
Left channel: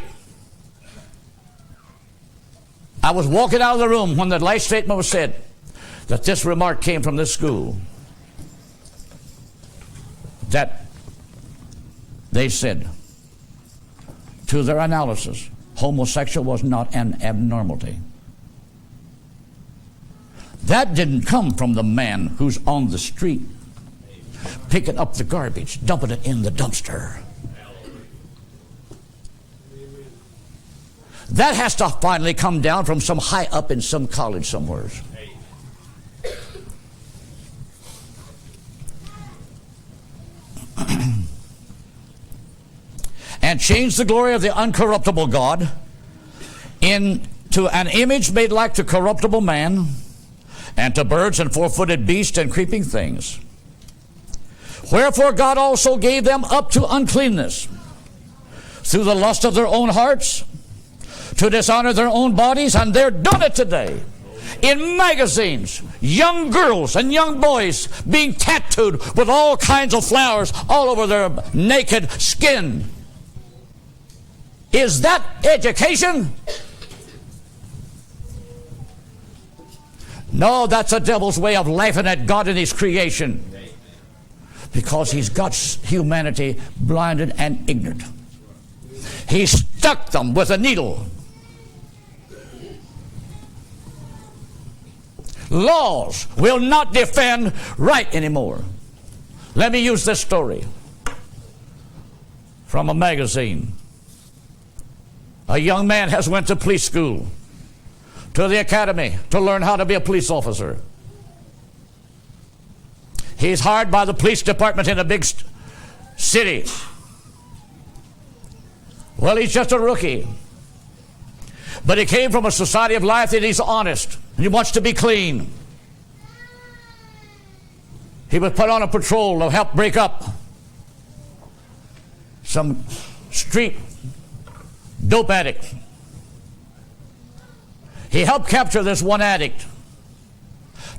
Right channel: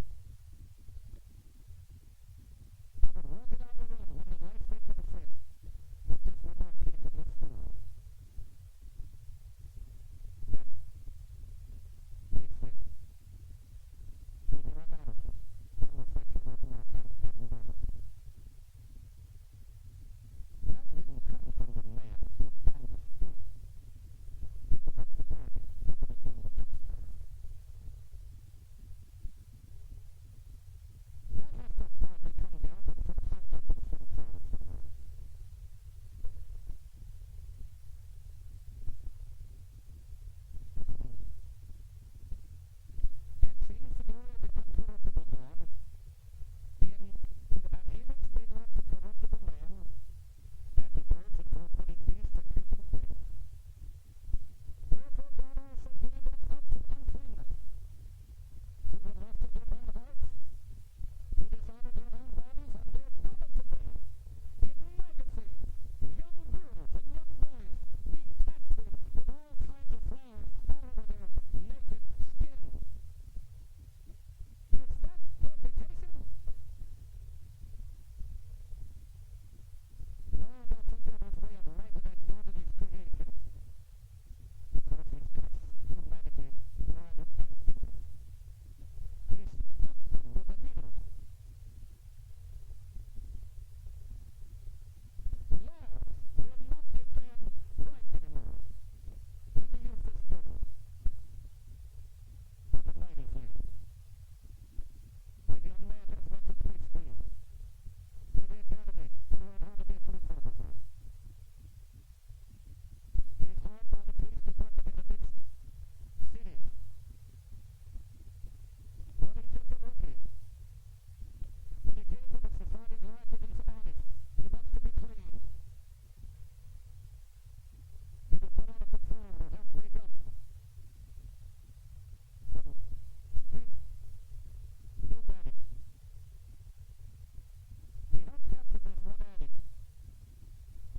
I was walking out of the room when the last statement was said, that this remark came from this school, that they said, to their analysis, homosexual was not an abnormality. That didn't come from the man who's on the street picking up the garbage, dumping it in the dumpster. That has to finally come down from some high up in some college somewhere. And change the glory of the uncorruptible God into an image made like to corruptible man, and to birds and four-footed beasts and creeping things. Wherefore God also gave them up to uncleanness through the lust of their own hearts, to dishonor their own bodies, and they're doing it today. In magazines, young girls and young boys being tattooed with all kinds of flowers all over their naked skin. Is that education? No, that's the devil's way of laughing at God and his creation, because he's got humanity blinded and ignorant. He stuck them with a needle. Laws will not defend right anymore. Let me use this story from a magazine. A young man has went to police school, to the academy, to learn how to be a police officer. He's hired by the police department in a big city. Well, he's just a rookie. But he came from a society of life that he's honest, and he wants to be clean. He was put on a patrol to help break up some street dope addict. He helped capture this one addict,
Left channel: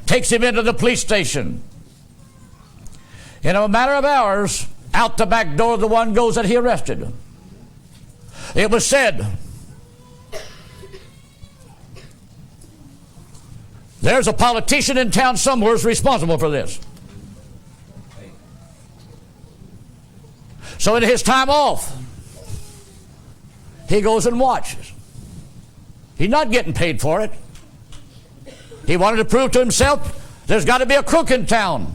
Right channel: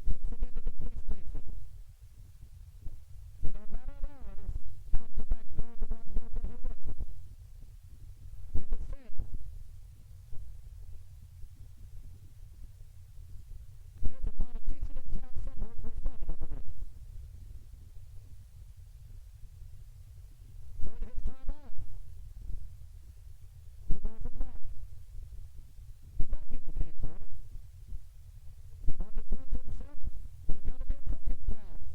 takes him into the police station. In a matter of hours, out the back door the one goes that he arrested. It was said, there's a politician in town somewhere who's responsible for this. So in his time off, he goes and watches. He's not getting paid for it. He wanted to prove to himself there's got to be a crook in town.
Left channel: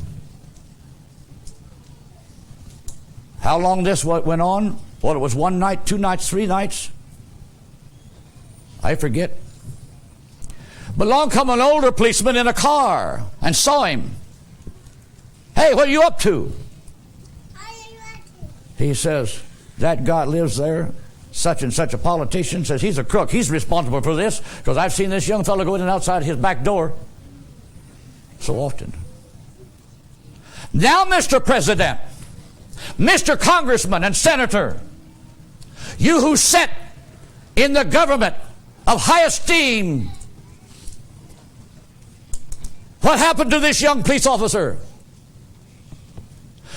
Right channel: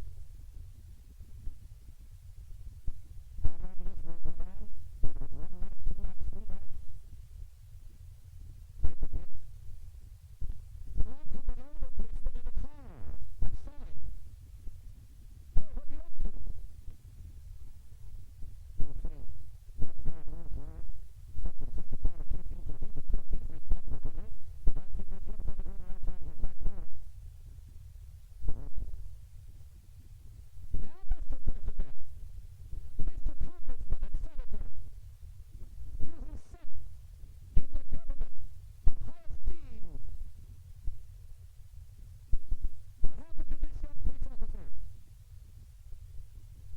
How long this went on? Well, it was one night, 2 nights, 3 nights. I forget. But along come an older policeman in a car and saw him. Hey, what are you up to? He says, that guy lives there, such and such a politician, says he's a crook. He's responsible for this, because I've seen this young fellow go in and outside his back door. So often. Now, Mr. President, Mr. Congressman and Senator, you who sit in the government of high esteem, what happened to this young police officer?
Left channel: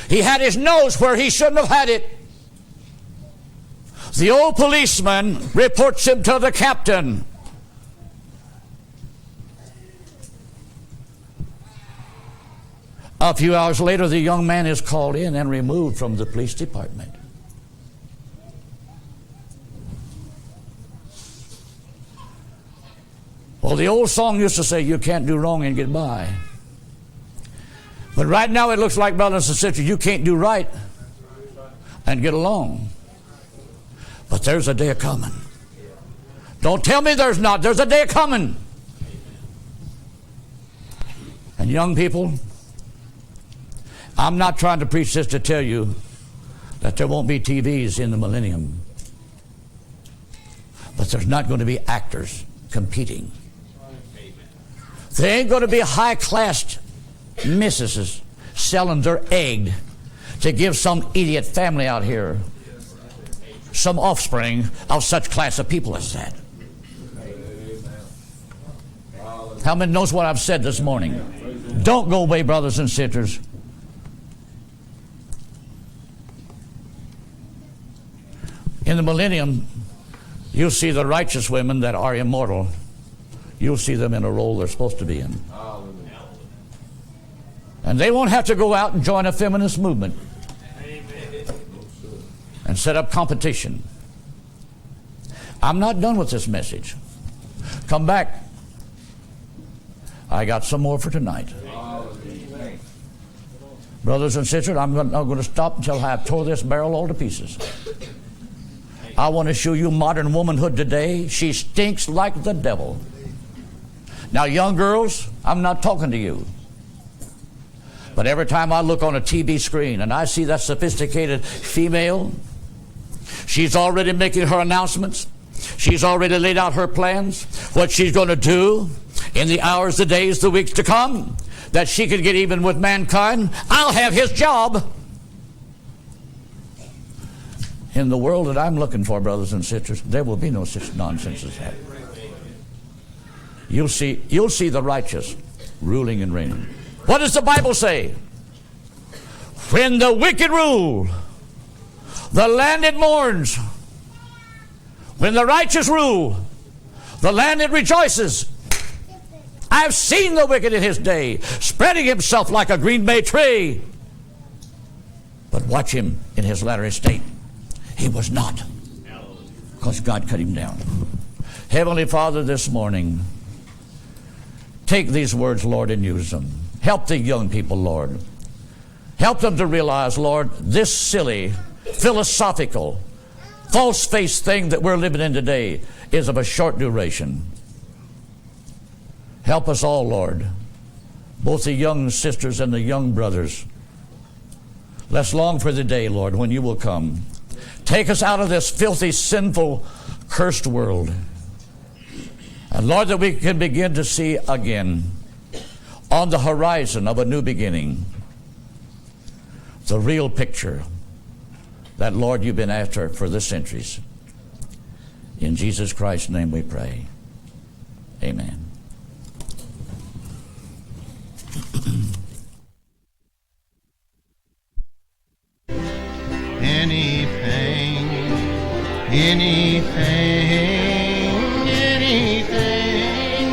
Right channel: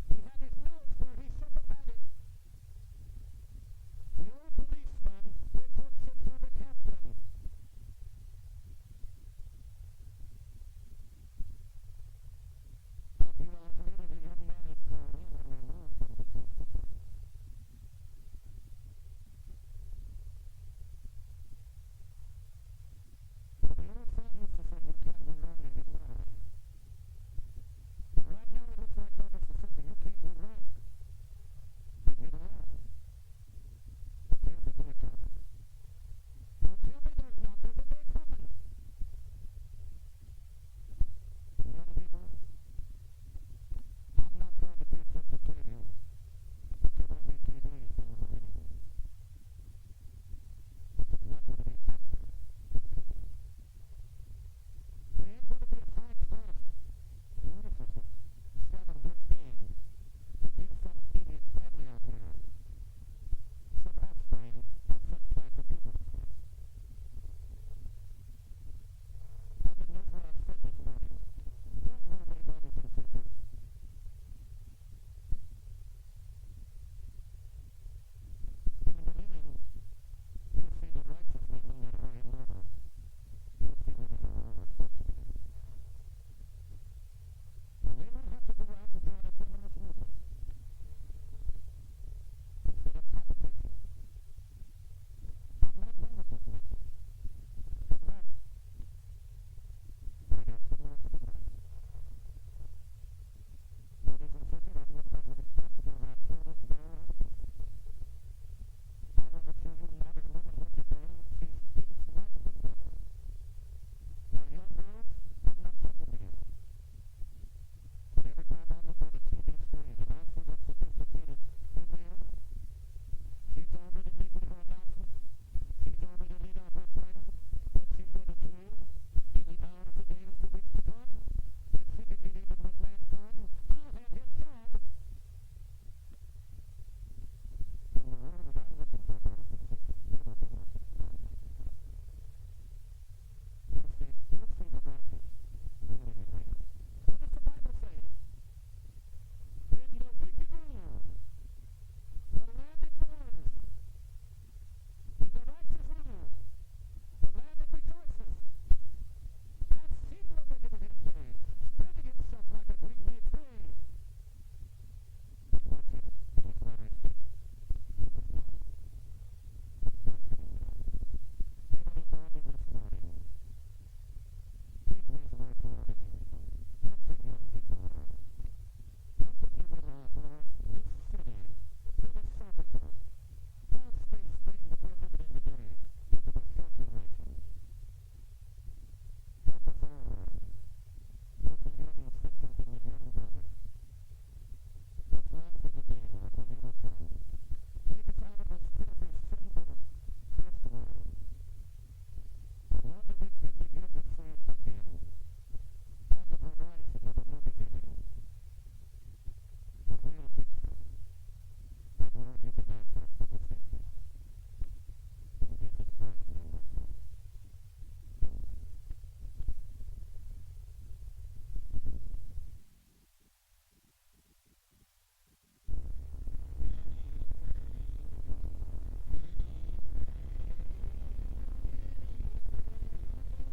He had his nose where he shouldn't have had it. The old policeman reports him to the captain. A few hours later, the young man is called in and removed from the police department. Well, the old song used to say, you can't do wrong and get by. But right now it looks like, brothers and sisters, you can't do right and get along. But there's a day coming. Don't tell me there's not. There's a day coming. And young people, I'm not trying to preach this to tell you that there won't be TVs in the millennium. But there's not going to be actors competing. There ain't going to be high-class mistresses selling their egg to give some idiot family out here some offspring of such class of people as that. How many knows what I've said this morning? Don't go away, brothers and sisters. In the millennium, you'll see the righteous women that are immortal. You'll see them in a role they're supposed to be in. And they won't have to go out and join a feminist movement and set up competition. I'm not done with this message. Come back. I got some more for tonight. Brothers and sisters, I'm not going to stop until I have tore this barrel all to pieces. I want to show you modern womanhood today. She stinks like the devil. Now, young girls, I'm not talking to you. But every time I look on a TV screen and I see that sophisticated female, she's already making her announcements. She's already laid out her plans, what she's going to do in the hours, the days, the weeks to come, that she could get even with mankind. I'll have his job. In the world that I'm looking for, brothers and sisters, there will be no such nonsense as that. You'll see the righteous ruling and reigning. What does the Bible say? When the wicked rule, the land it mourns. When the righteous rule, the land it rejoices. I've seen the wicked in his day, spreading himself like a green bay tree. But watch him in his latter estate. He was not, because God cut him down. Heavenly Father, this morning, take these words, Lord, and use them. Help the young people, Lord. Help them to realize, Lord, this silly, philosophical, false-faced thing that we're living in today is of a short duration. Help us all, Lord, both the young sisters and the young brothers. Let's long for the day, Lord, when you will come. Take us out of this filthy, sinful, cursed world. And Lord, that we can begin to see again on the horizon of a new beginning the real picture that, Lord, you've been after for the centuries. In Jesus Christ's name we pray. Amen. Anything